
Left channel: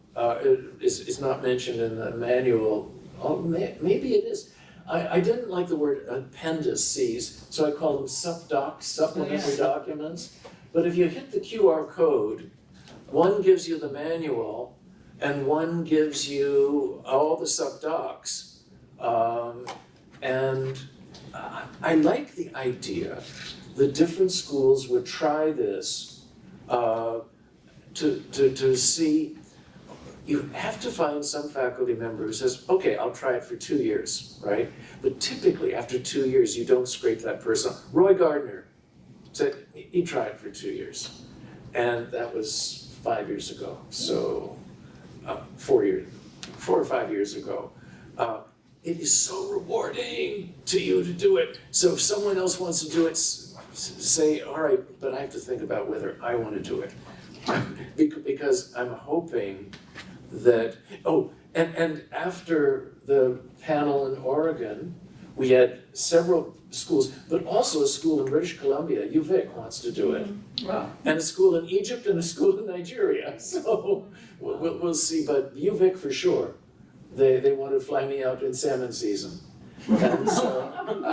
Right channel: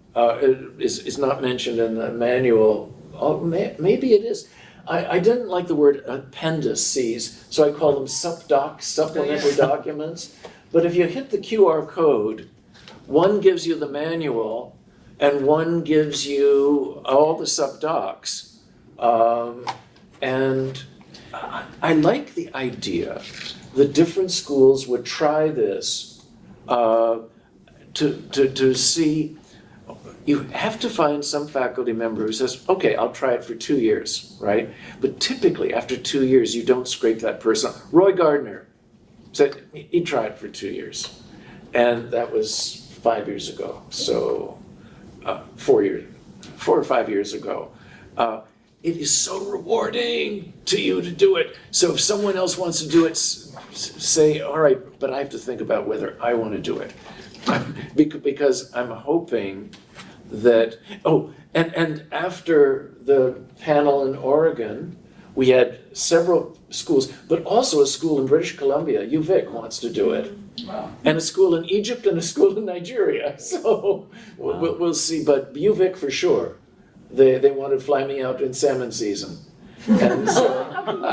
is not mentioned in the manual. Maybe it is. I didn't like the word appendices, so I call them subdocs, supplementary documents. But if you hit the QR code, one gives you the manual and one gives you all the subdocs. And I like the idea that different schools would try this to see. You have to find some faculty member who says, okay, I'll try it for 2 years, right? But typically, after 2 years, you don't scrape that person. Roy Gardner said he tried for 2 years. And that was 5 years ago, so 4 or 5 years ago. It is so rewarding to you to do it. So if someone else wants to do it, say, all right, but I have to think about whether I want to do it. Because I'm hoping that, and after the panel in Oregon, we had several schools, but also a school in British Columbia, UVic wants to do it. Wow. And a school in Egypt and a school in Nigeria, so we'll see, but UVic for sure. They want to fly me out in salmon season. And so,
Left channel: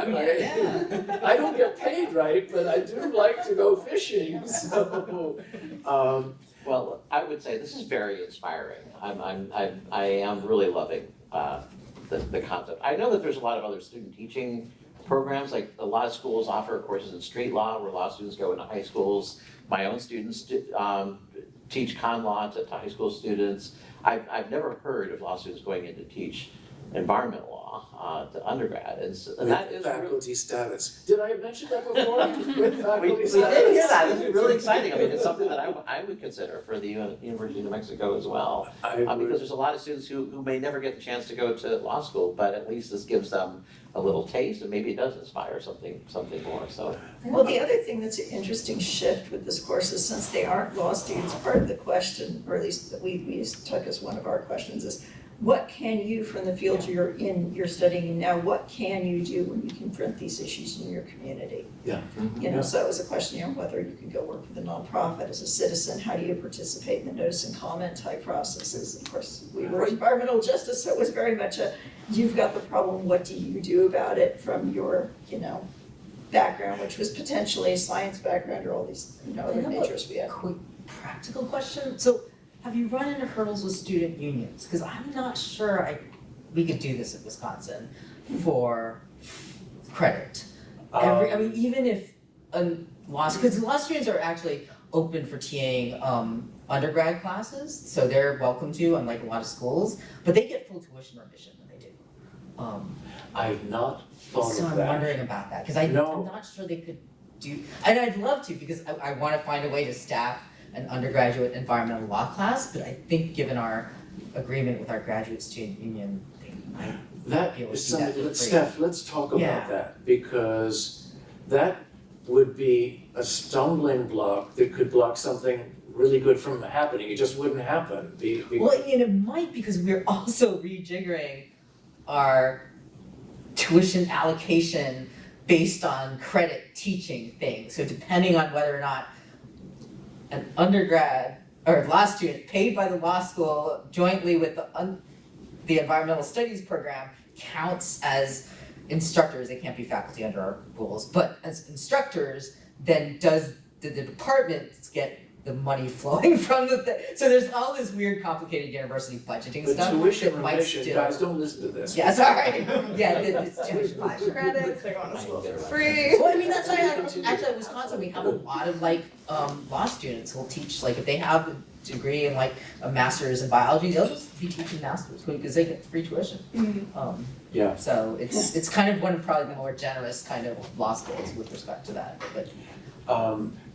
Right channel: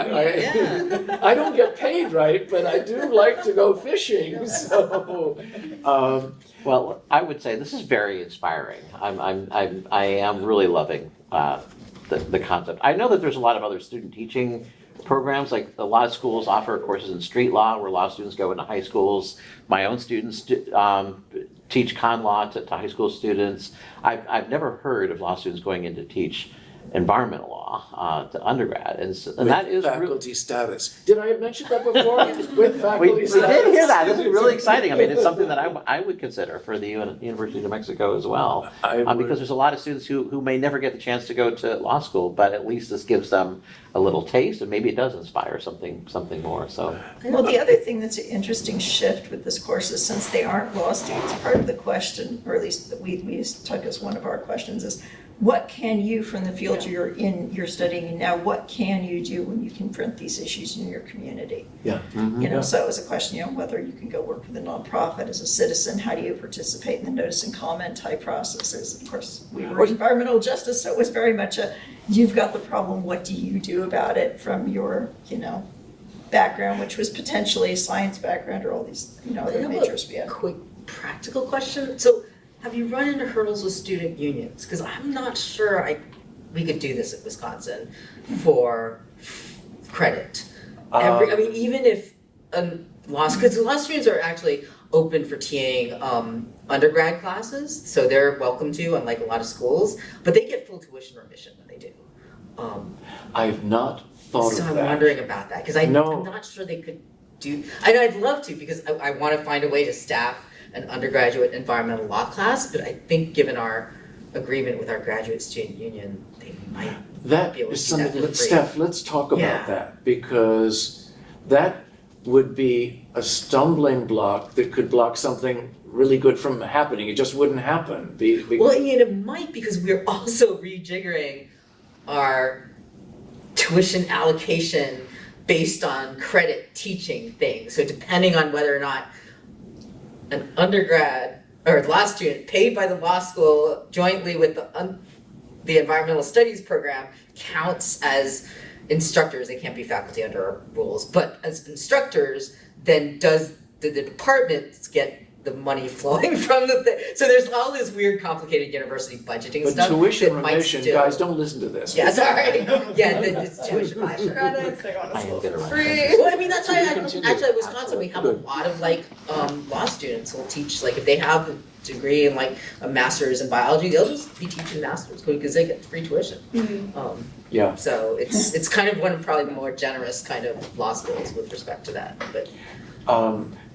Yeah. I don't get paid right, but I do like to go fishing, so, Well, I would say this is very inspiring. I am really loving the concept. I know that there's a lot of other student teaching programs, like a lot of schools offer courses in street law, where a lot of students go into high schools. My own students teach con law to high school students. I've never heard of law students going in to teach environmental law to undergrad, and that is with really. faculty status. Did I mention that before? With We faculty did status? hear that. It's really exciting. I mean, it's something that I would consider for the University of New Mexico as well. I would- Because there's a lot of students who may never get the chance to go to law school, but at least this gives them a little taste, and maybe it does inspire something more, so. Well, the other thing that's an interesting shift with this course is since they aren't law students, part of the question, or at least that we took as one of our questions is, what can you, from the field you're studying in now, what can you do when you confront these issues in your community? Yeah. You know, so it was a question, whether you can go work with a nonprofit as a citizen, how do you participate in the notice and comment type processes? Of course, we were environmental justice, so it was very much you've got the problem, what do you do about it from your, background, which was potentially a science background or all these, other majors we had. Quick practical question. So have you run into hurdles with student unions? Because I'm not sure we could do this at Wisconsin for credit. I mean, even if because law students are actually open for TAing undergrad classes, so they're welcome to, unlike a lot of schools, but they get full tuition remission when they do. I've not thought So of I'm that. wondering about that, because No. I'm not sure they could do, I know I'd love to, because I want to find a way to staff an undergraduate environmental law class, but I think given our agreement with our graduate student union, they might That be able to is do that something, for free. Steph, let's talk about Yeah. that, because that would be a stumbling block that could block something really good from happening. It just wouldn't happen. Well, I mean, it might, because we're also rejiggering our tuition allocation based on credit teaching things. So depending on whether or not an undergrad or law student paid by the law school jointly with the environmental studies program counts as instructors. They can't be faculty under our rules, but as instructors, then does the department get the money flowing from the thing? So there's all this weird, complicated university budgeting But stuff tuition that might remission, still. guys, don't listen to this. Yeah, sorry. Yeah, it's tuition. Five credits, they're going to I school get for it right. free. Well, I mean, that's why Continue. actually at Wisconsin, we have a lot of law students who'll teach, if they have a degree in a master's in biology, they'll just be teaching masters because they get free tuition. Yeah. So it's kind of one of probably the more generous kind of law schools with respect to that, but.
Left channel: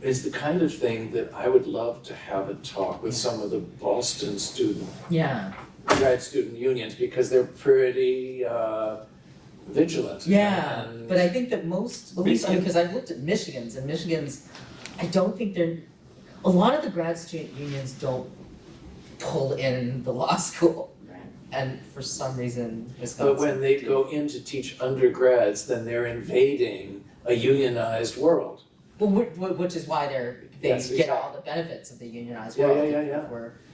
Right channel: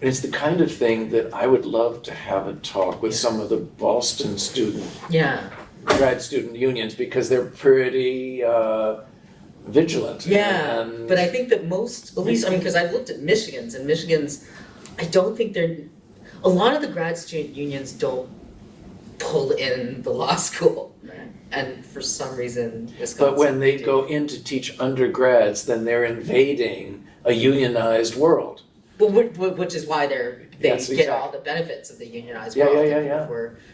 It's the kind of thing that I would love to have a talk with some of the Boston grad student unions, because they're pretty vigilant. Yeah, and- but I think that most, at least, because I've looked at Michigan's, and Michigan's, I don't think a lot of the grad student unions don't pull in the law school. And for some reason, Wisconsin. But when they do. go in to teach undergrads, then they're invading a unionized world. Well, which is why they Yes, get exactly. all the benefits of the unionized Yeah, world yeah.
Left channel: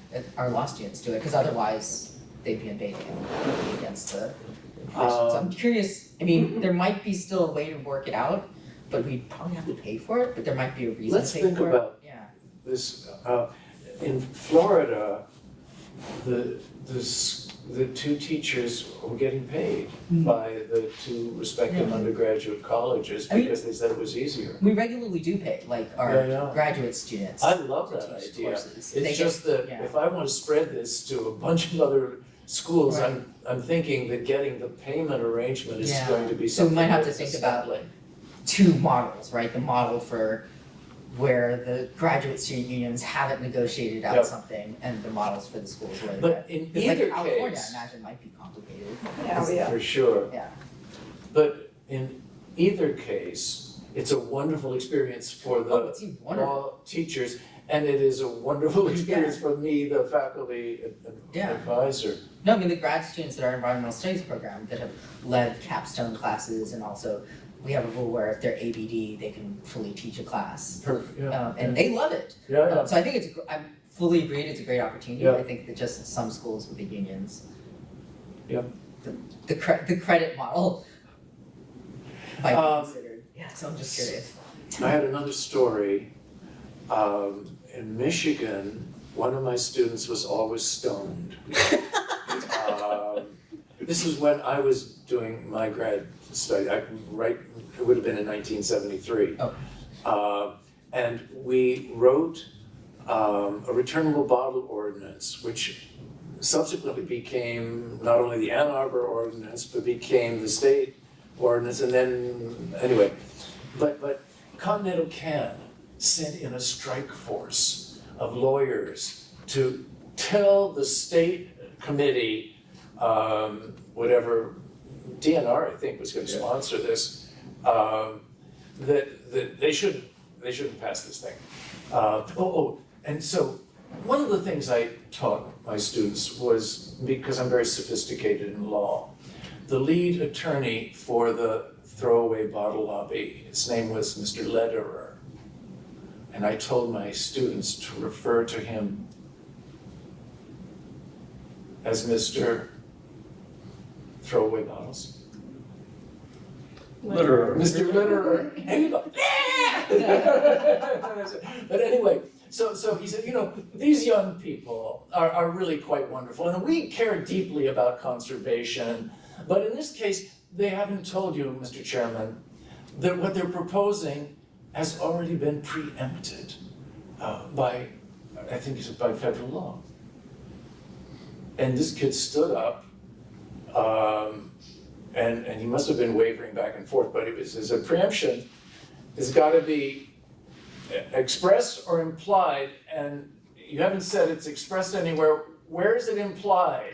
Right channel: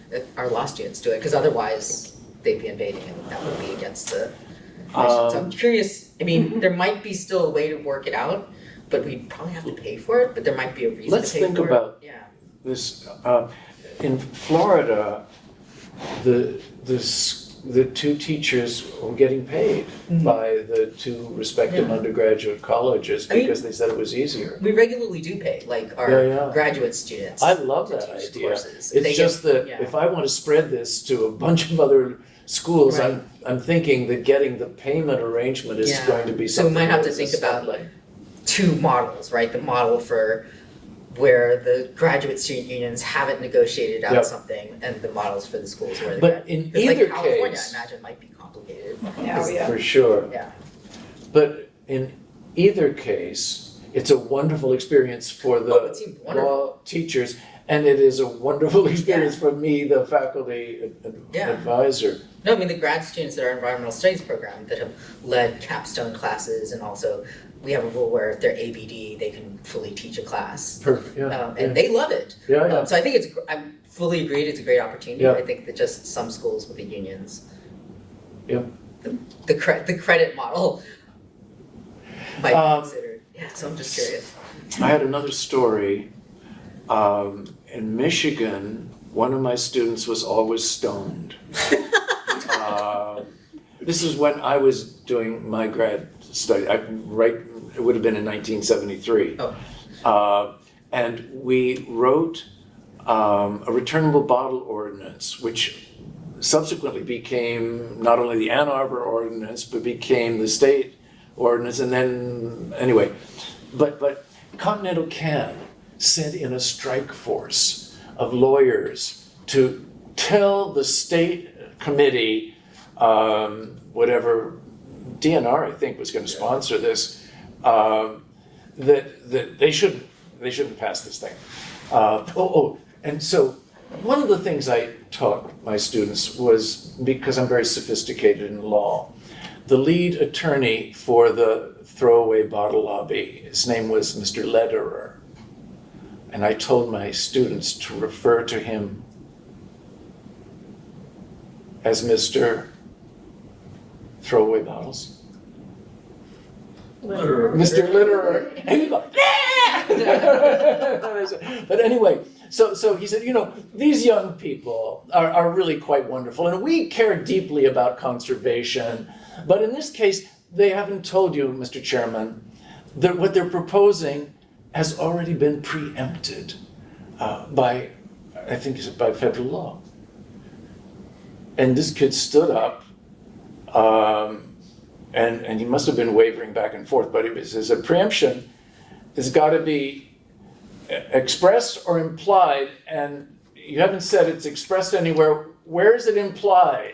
if our law students do it, because otherwise they'd be invading and that would be against the commission. So I'm curious, I mean, there might be still a way to work it out, but we'd probably have to pay for it, but there might be a reason Let's to pay think for about it. Yeah. This, in Florida, the two teachers were getting paid by the two respective Yeah. undergraduate colleges I mean- because they said it was easier. We regularly do pay, our Yeah. graduate students. I love to that teach idea. courses. They It's get- just that yeah. if I want to spread this to a bunch of other schools, Right. I'm thinking that getting the payment arrangement is Yeah. going to be So we something might have to that's think about stumbling. two models, right? The model for where the graduate student unions haven't negotiated out Yep. something, and the models for the schools where But in because like either California, case- I imagine might be complicated. Yeah. For sure. Yeah. But in either case, it's a wonderful experience for the Oh, it seemed wonderful. law teachers, and it is a wonderful experience for me, the faculty Yeah. advisor. No, I mean the grad students that are environmental studies program that have led capstone classes, and also we have a rule where if they're ABD, they can fully teach a class, Perfect, yeah. and they love it. Yeah. So I think I'm fully agreed. It's a great opportunity. Yeah. I think that just some schools with the unions. Yep. The credit model might be Um, considered. Yeah, so I'm just curious. I had another story. In Michigan, one of my students was always stoned. This is when I was doing my grad study. It would have been in 1973. Oh. And we wrote a returnable bottle ordinance, which subsequently became not only the Ann Arbor ordinance, but became the state ordinance, and then, anyway. But Continental Can sent in a strike force of lawyers to tell the state committee, whatever, DNR I think was gonna sponsor this, that they shouldn't pass this thing. And so one of the things I taught my students was, because I'm very sophisticated in law, the lead attorney for the throwaway bottle lobby, his name was Mr. Lederer. And I told my students to refer to him as Mr. Throwaway Bottles. Mr. Lederer. And he'd go, "Yeah!" But anyway, so he said, these young people are really quite wonderful, and we care deeply about conservation. But in this case, they haven't told you, Mr. Chairman, that what they're proposing has already been preempted by, I think it's by federal law. And this kid stood up, and he must have been wavering back and forth, but it says a preemption has got to be expressed or implied, and you haven't said it's expressed anywhere. Where is it implied?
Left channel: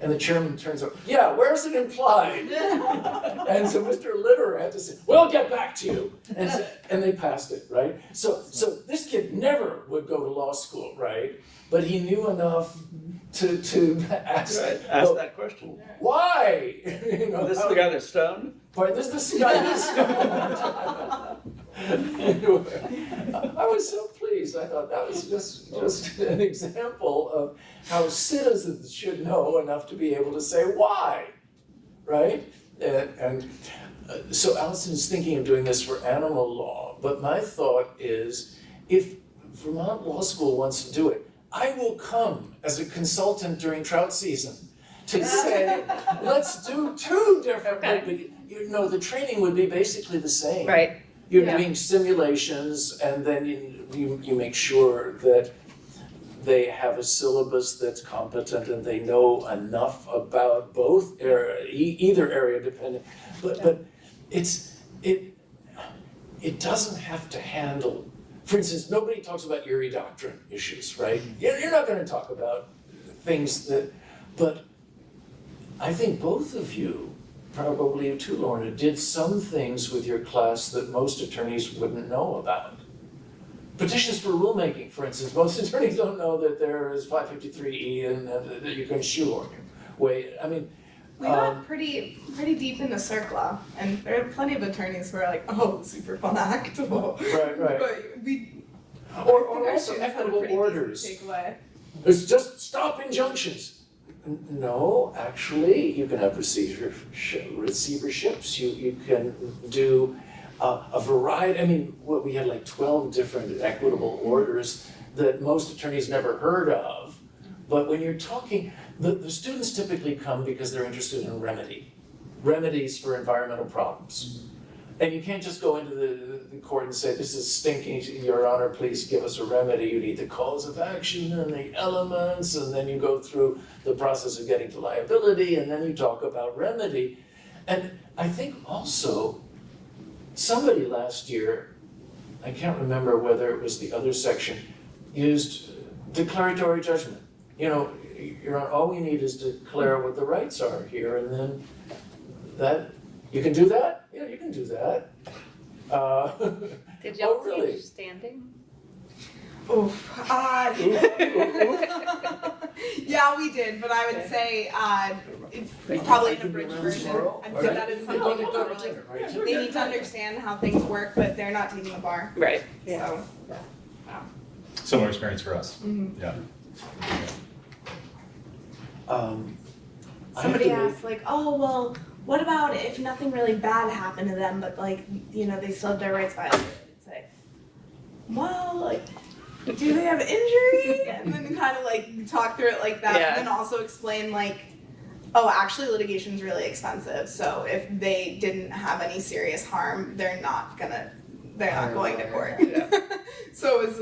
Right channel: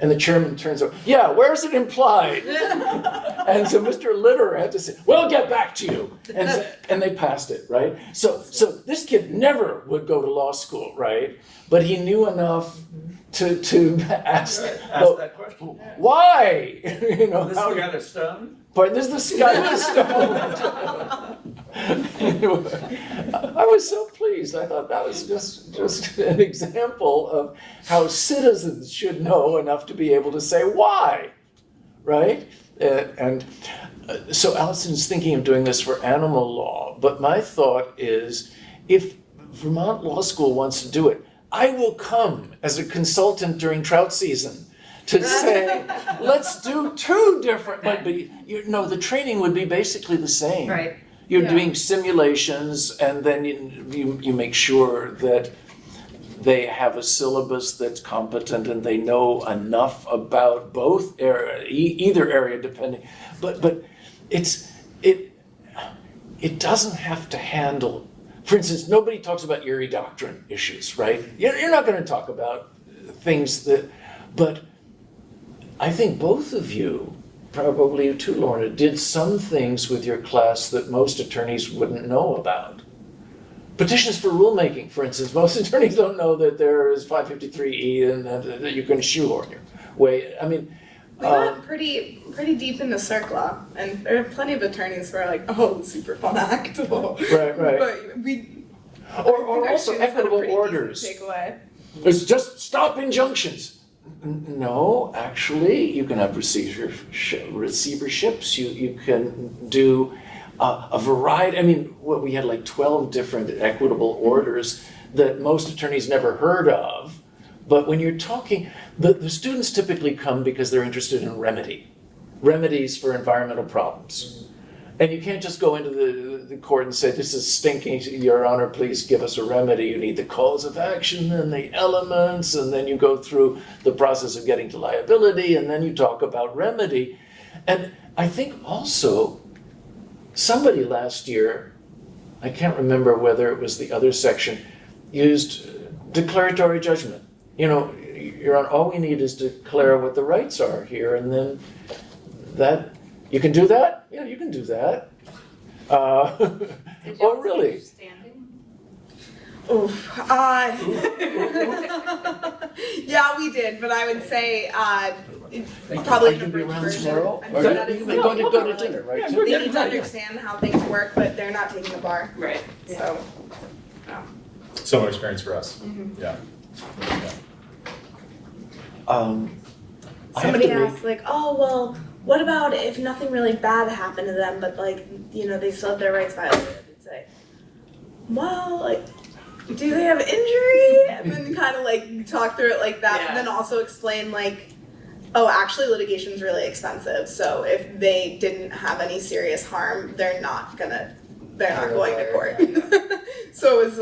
And the chairman turns over, yeah, where's it implied? And so Mr. Lederer had to say, we'll get back to you. And they passed it, right? So this kid never would go to law school, right? But he knew enough to ask that question. why? This is the guy that's stoned? But this is the guy that's stoned. I was so pleased. I thought that was just an example of how citizens should know enough to be able to say why, right? And so Allison's thinking of doing this for animal law, but my thought is, if Vermont Law School wants to do it, I will come as a consultant during trout season to say, let's do two different, but the training would be basically the same. Right. You're Yeah. doing simulations, and then you make sure that they have a syllabus that's competent and they know enough about both either area depending. But it doesn't have to handle. For instance, nobody talks about Erie doctrine issues, right? You're not going to talk about things but I think both of you, probably you too, Lorna, did some things with your class that most attorneys wouldn't know about. Petitions for rulemaking, for instance, most attorneys don't know that there is 553E and that you can shoehorn your way. I mean, We got pretty deep into CERCLA, and there are plenty of attorneys who are like, "Oh, super fun act." Right. But we Or our also students had a equitable pretty orders. decent takeaway. It's just stop injunctions. No, actually, you can have receiverships. You can do a variety. I mean, we had like 12 different equitable orders that most attorneys never heard of. But when you're talking, the students typically come because they're interested in remedies for environmental problems. And you can't just go into the court and say, this is stinking, Your Honor, please give us a remedy. You need the cause of action and the elements, and then you go through the process of getting to liability, and then you talk about remedy. And I think also, somebody last year, I can't remember whether it was the other section, used declaratory judgment. Your Honor, all we need is to declare what the rights are here, and then that, you can do that? Yeah, you can do that. Did you Oh, really? teach standing? Oof. Yeah, we did, but I would say probably an abridged version. I'd say that is You're going to go to something dinner, right? they need to understand how things work, but they're not taking the bar. Right. So, Similar experience for us. Mhm. Yeah. I have somebody to make- asked like, "Oh well, what about if nothing really bad happened to them, but like, you know, they still have their rights violated? I'd say, well, like, do they have injury? And then kind of like talk through it like that, Yeah. and then also explain like, oh, actually litigation is really expensive, so if they didn't have any serious harm, they're not going to court. So it was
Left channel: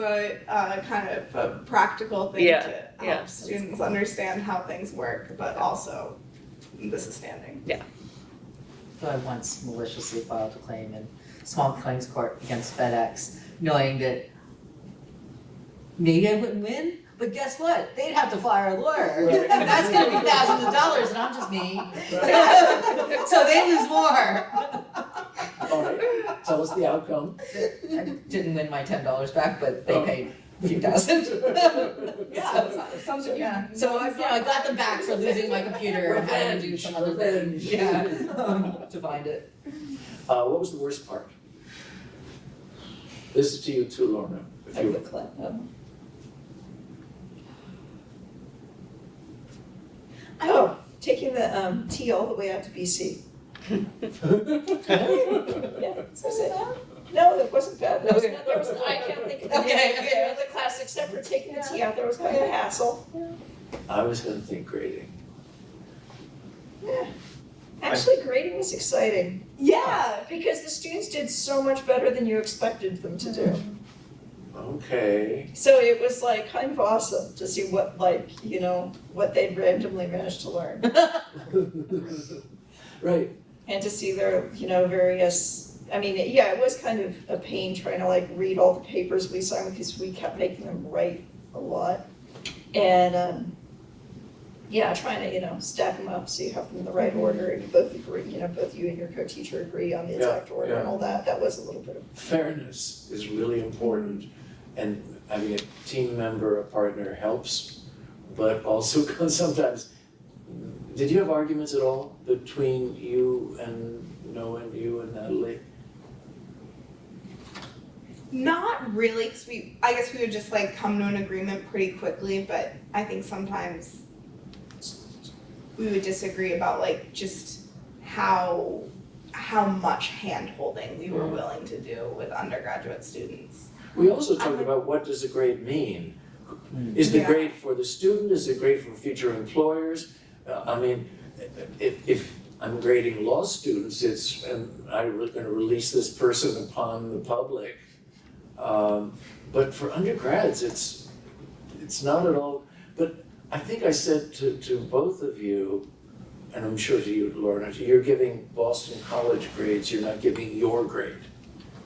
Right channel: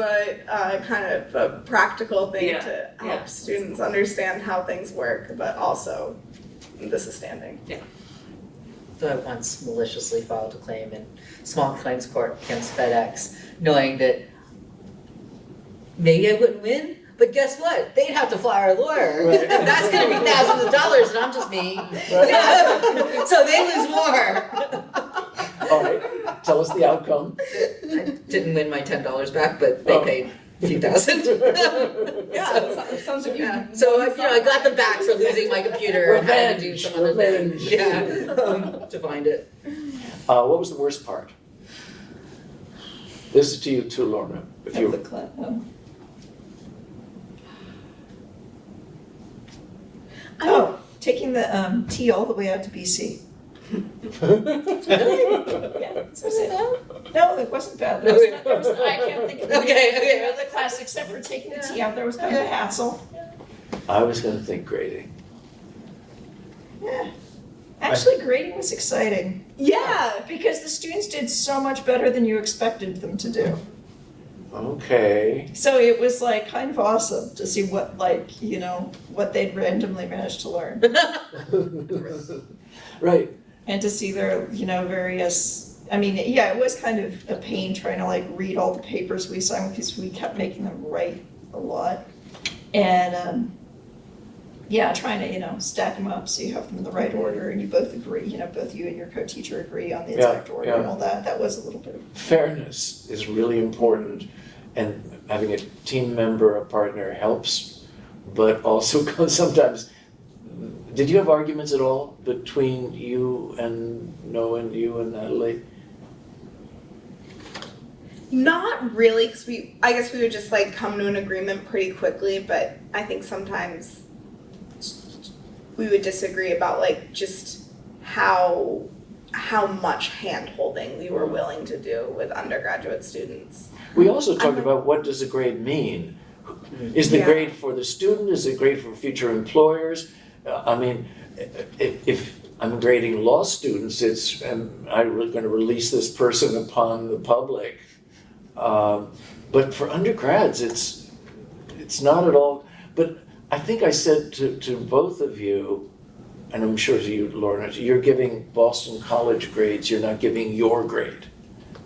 kind of a practical thing Yeah, to help yeah. students understand how things work, but also this is standing. So I once maliciously filed a claim in small claims court against FedEx, knowing that maybe I wouldn't win, but guess what? They'd have to fire a lawyer, Right. and that's gonna be thousands of dollars, and I'm just me. So they lose more. All right, tell us the outcome. I didn't win my $10 back, but they Oh. paid a few thousand. It sounds like Yeah, so I got them back for losing my computer and having to do some other thing, Revenge. to find it. What was the worst part? This is to you too, Lorna. If Of the you, taking the T all the way out to BC. Yeah, so say that? No, it wasn't bad. There was I can't think of Okay. the class except for taking the T out. There was kind of a hassle. I was gonna think grading. Yeah. Actually, grading was exciting yeah. because the students did so much better than you expected them to do. Okay. So it was like kind of awesome to see what what they'd randomly managed to learn Right. and to see their various. I mean, yeah, it was kind of a pain trying to like read all the papers we signed because we kept making them write a lot, and trying to stack them up so you have them in the right order and you both agree. Both you and your co-teacher agree on the exact order and all that. That was a little bit of Fairness is really important, and having a team member, a partner helps, but also sometimes, did you have arguments at all between you and Noah and you and Natalie? Not really, because I guess we would just like come to an agreement pretty quickly, but I think sometimes we would disagree about like just how much hand-holding we were willing to do with undergraduate students. We also I'm talked like- about what does a grade mean? Is the Yeah. grade for the student? Is it grade for future employers? I mean, if I'm grading law students, it's, I'm going to release this person upon the public. But for undergrads, it's not at all. But I think I said to both of you, and I'm sure to you, Lorna, you're giving Boston College grades, you're not giving your grade,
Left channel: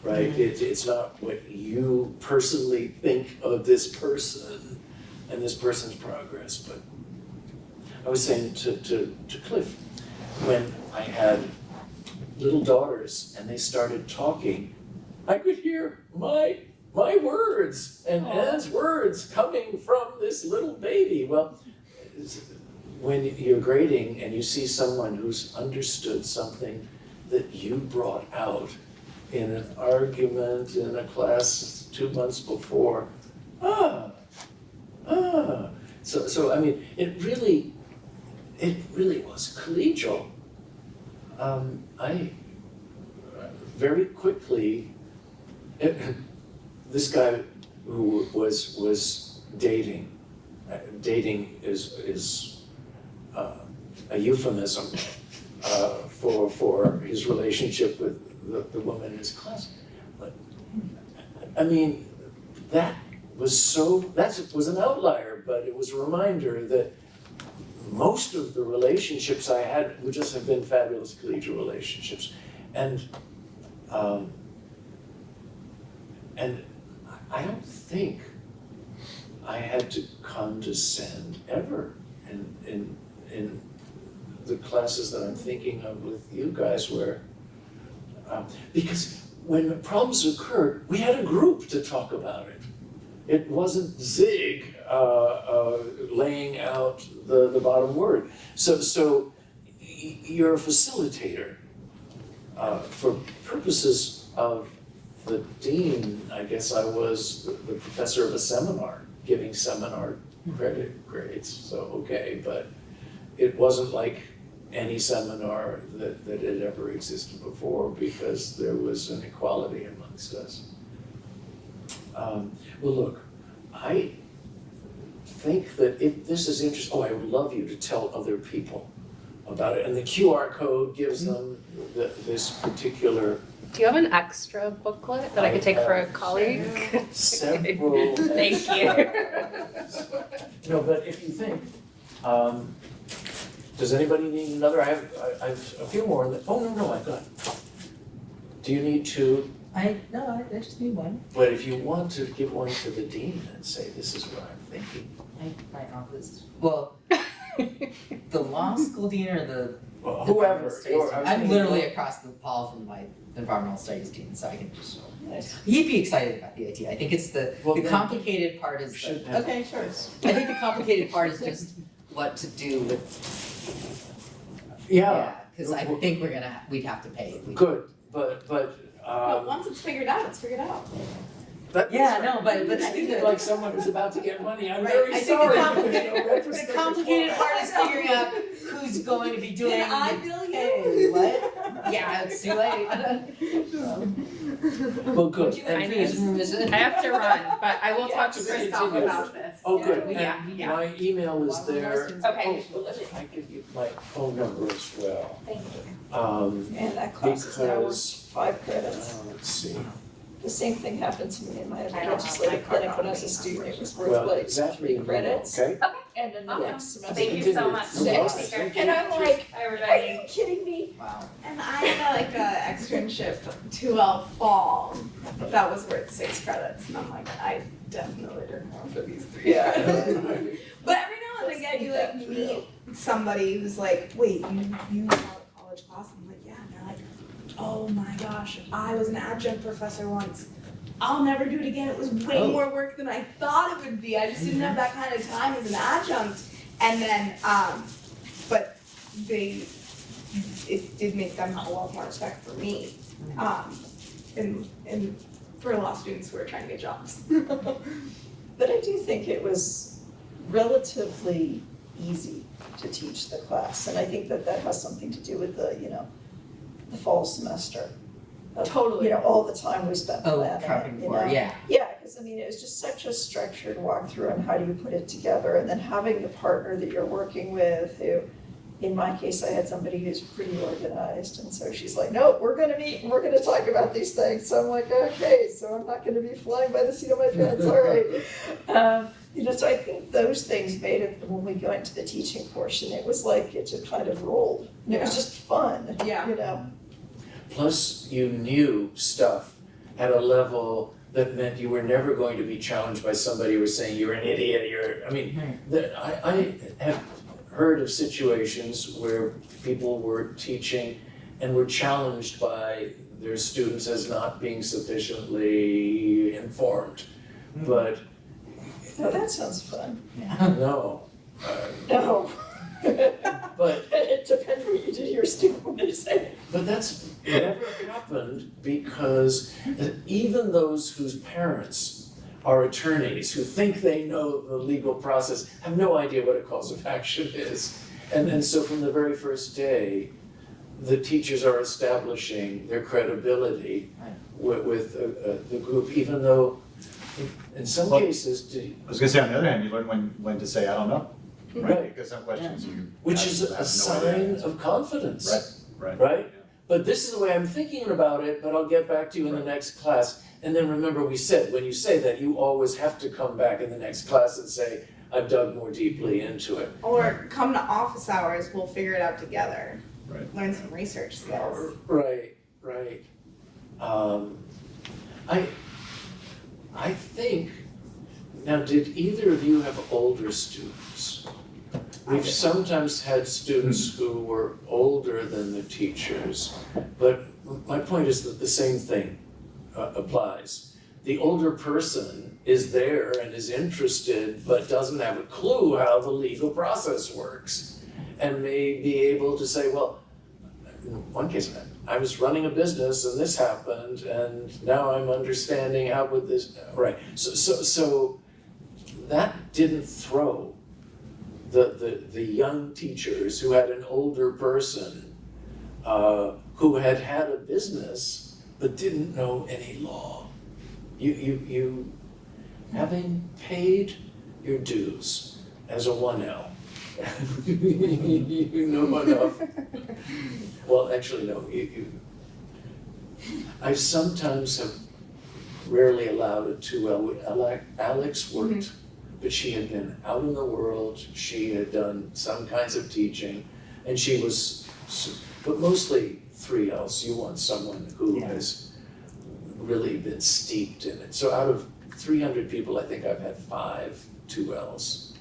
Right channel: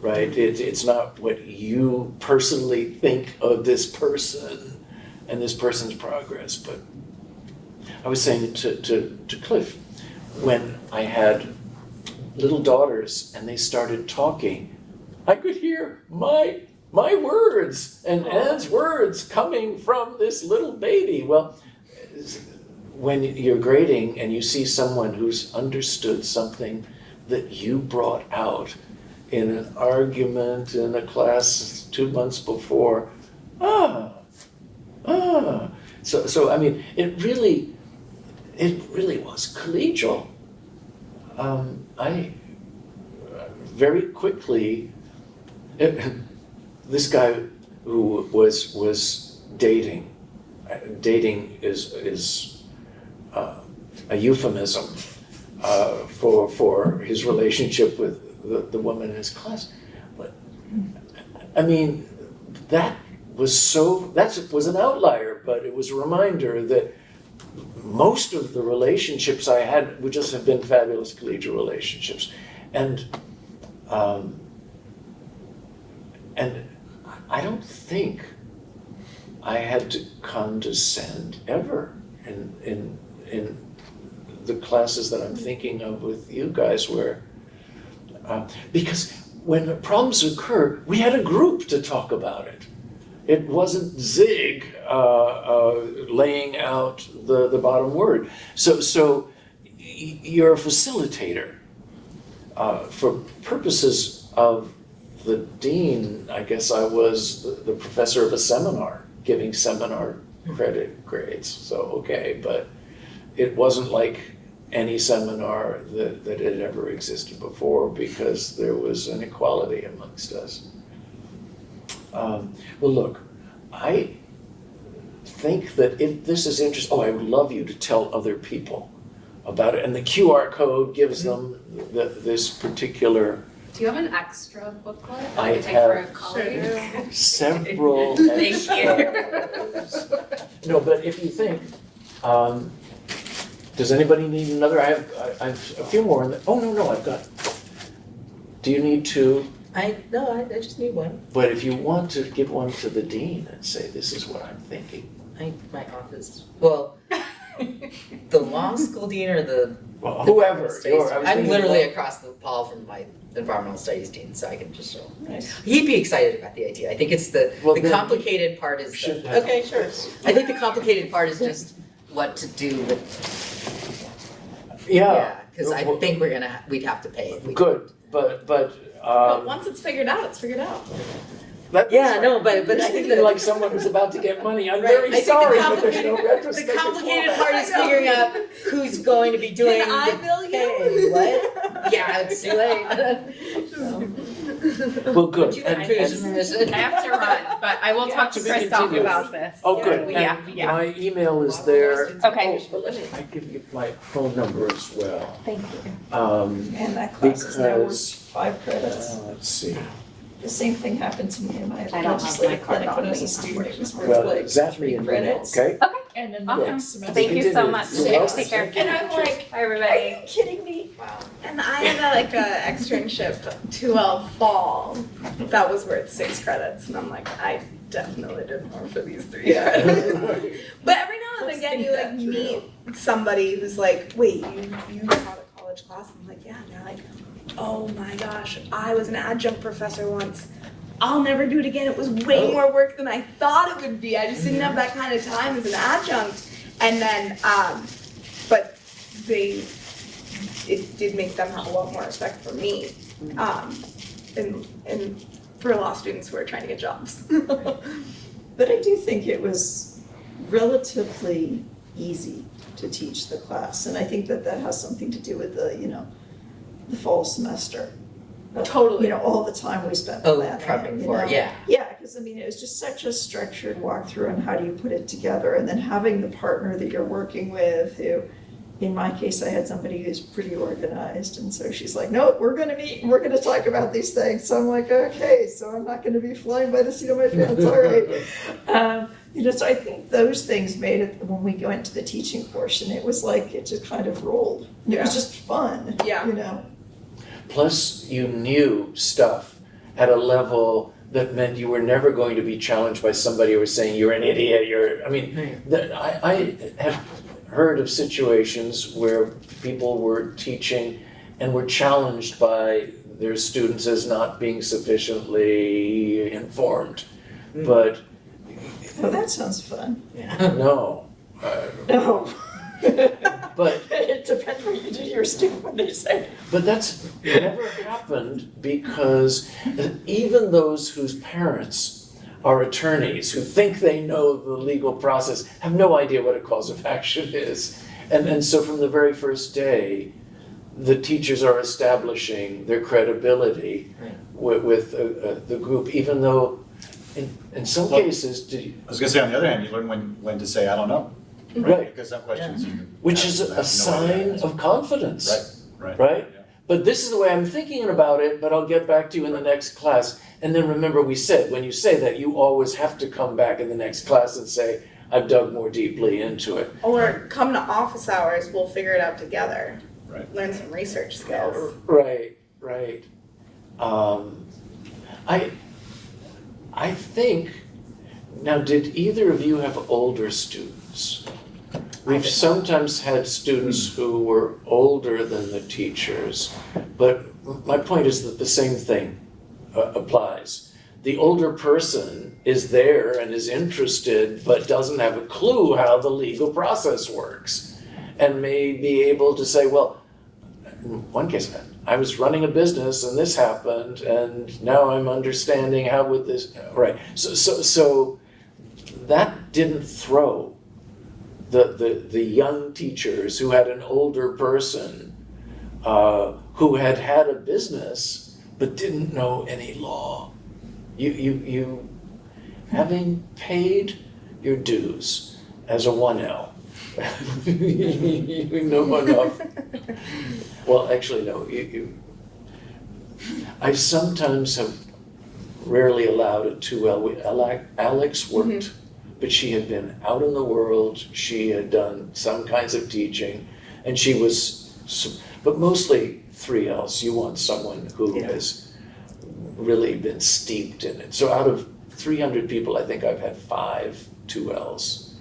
right? It's not what you personally think of this person and this person's progress. But I was saying to Cliff, when I had little daughters and they started talking, I could hear my words and Anne's words coming from this little baby. Well, when you're grading and you see someone who's understood something that you brought out in an argument in a class 2 months before, So I mean, it really was collegial. I very quickly, this guy who was dating is a euphemism for his relationship with the woman in his class. But I mean, that was an outlier, but it was a reminder that most of the relationships I had would just have been fabulous collegial relationships. And I don't think I had to condescend ever in the classes that I'm thinking of with you guys, where because when problems occurred, we had a group to talk about it. It wasn't Zig laying out the bottom word. So you're a facilitator. For purposes of the dean, I guess I was the professor of a seminar, giving seminar credit grades. So, okay, but it wasn't like any seminar that had ever existed before because there was an equality amongst us. Well, look, I think that if this is interesting, I would love you to tell other people about it. And the QR code gives them this particular. Do you have an extra booklet that I I could take for a have colleague? Several. Thank you. No, but if you think, does anybody need another? I've a few more. No, I've got. Do you need two? I just need one. But if you want to give one to the dean and say, this is what I'm thinking. My office, well, the law school dean or the Well, environmental whoever. studies dean? I'm thinking literally about- across the hall from my environmental studies dean, so I can just show him. Nice. He'd be excited about the idea. I think it's the Well, then complicated part is should have okay, sure. this. I think the complicated part is just what to do with because I Well, think we'd have to pay if we Good, but But once it's figured out, it's figured out. Yeah, no, but I think that like someone who's about to get money. I'm Right. very I think the sorry, but there's no complicated- retrospective. the complicated for part that. is figuring out who's going to be doing Can I the bill you? pay. What? Yeah, it's too late. Well, good. And I have to run, but I will talk to To be Christoph continued. about this. Oh, good. Yeah, And yeah. my email is there. Okay. I give you my phone number as well. Thank you. And that class is now worth Because, 5 credits. let's see. The same thing happened to me in my I don't have legislative my card clinic when I was a on me. student. It was worth Well, like exactly, 3 you know, credits. okay? And then the Awesome. next semester. Thank you so Continue. much. You're Take care. And I'm like, Bye, are you everybody. kidding me? Wow. And I had a externship 2L fall that was worth 6 credits, and I'm like, I definitely did more for these 3 credits. But every now and again, you like meet somebody who's like, wait, you taught a college class? I'm like, yeah. And they're like, oh my gosh, I was an adjunct professor once. I'll never do it again. It was way more work than I thought it would be. I just didn't have that kind of time as an adjunct. And then, but it did make them have a lot more respect for me, and for law students who are trying to get jobs. But I do think it was relatively easy to teach the class. And I think that has something to do with the fall semester. Totally. All the time we spent Oh, planning. prepping for it, yeah. Yeah, because it was just such a structured walkthrough on how do you put it together, and then having the partner that you're working with who, in my case, I had somebody who's pretty organized, and so she's like, nope, we're gonna meet and we're gonna talk about these things. So I'm like, okay, so I'm not gonna be flying by the seat of my pants, all right. So I think those things made it, when we went to the teaching portion, it was like, it just kind of rolled. It was just fun, Yeah. Plus, you knew stuff at a level that meant you were never going to be challenged by somebody who was saying you're an idiot. I have heard of situations where people were teaching and were challenged by their students as not being sufficiently informed. But Oh, that sounds fun. Yeah. no. No. But It depends what you do to your student when they say. But that's never happened because even those whose parents are attorneys who think they know the legal process have no idea what a cause of action is. And so from the very first day, the teachers are establishing their credibility with the group, even though in some cases, I was gonna say, on the other hand, you learn when to say, I don't know, right? Right. Because some questions you. which have- is have a no idea sign answer. of confidence. Right. Right? Yeah. But this is the way I'm thinking about it, but I'll get back to you in the next class. And then remember, we said, when you say that, you always have to come back in the next class and say, I've dug more deeply into it. Or come to office hours, we'll figure it out together. Right. Learn some research skills. Right. I think, now did either of you have older students? We've sometimes had students who were older than the teachers, but my point is that the same thing applies. The older person is there and is interested, but doesn't have a clue how the legal process works, and may be able to say, well, in one case, I was running a business and this happened, and now I'm understanding how would this, right. So that didn't throw the young teachers who had an older person who had had a business but didn't know any law. You having paid your dues as a 1L, you know enough. Well, actually, no, I sometimes have rarely allowed a 2L. Alex worked, but she had been out in the world, she had done some kinds of teaching, and she was, but mostly 3Ls. You want someone who has really been steeped in it. So out of 300 people, I think I've had 5 2Ls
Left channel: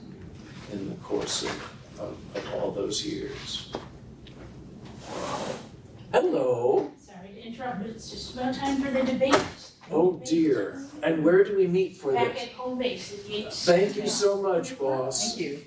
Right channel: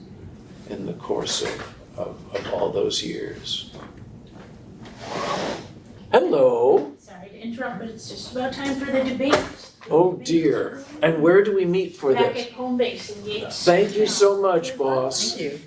in the course of all those years. Hello. Sorry to interrupt, but it's just about time for the debate. Oh dear. And where do we meet for Back this? at home base in Yates. Thank you so much, boss. Thank you.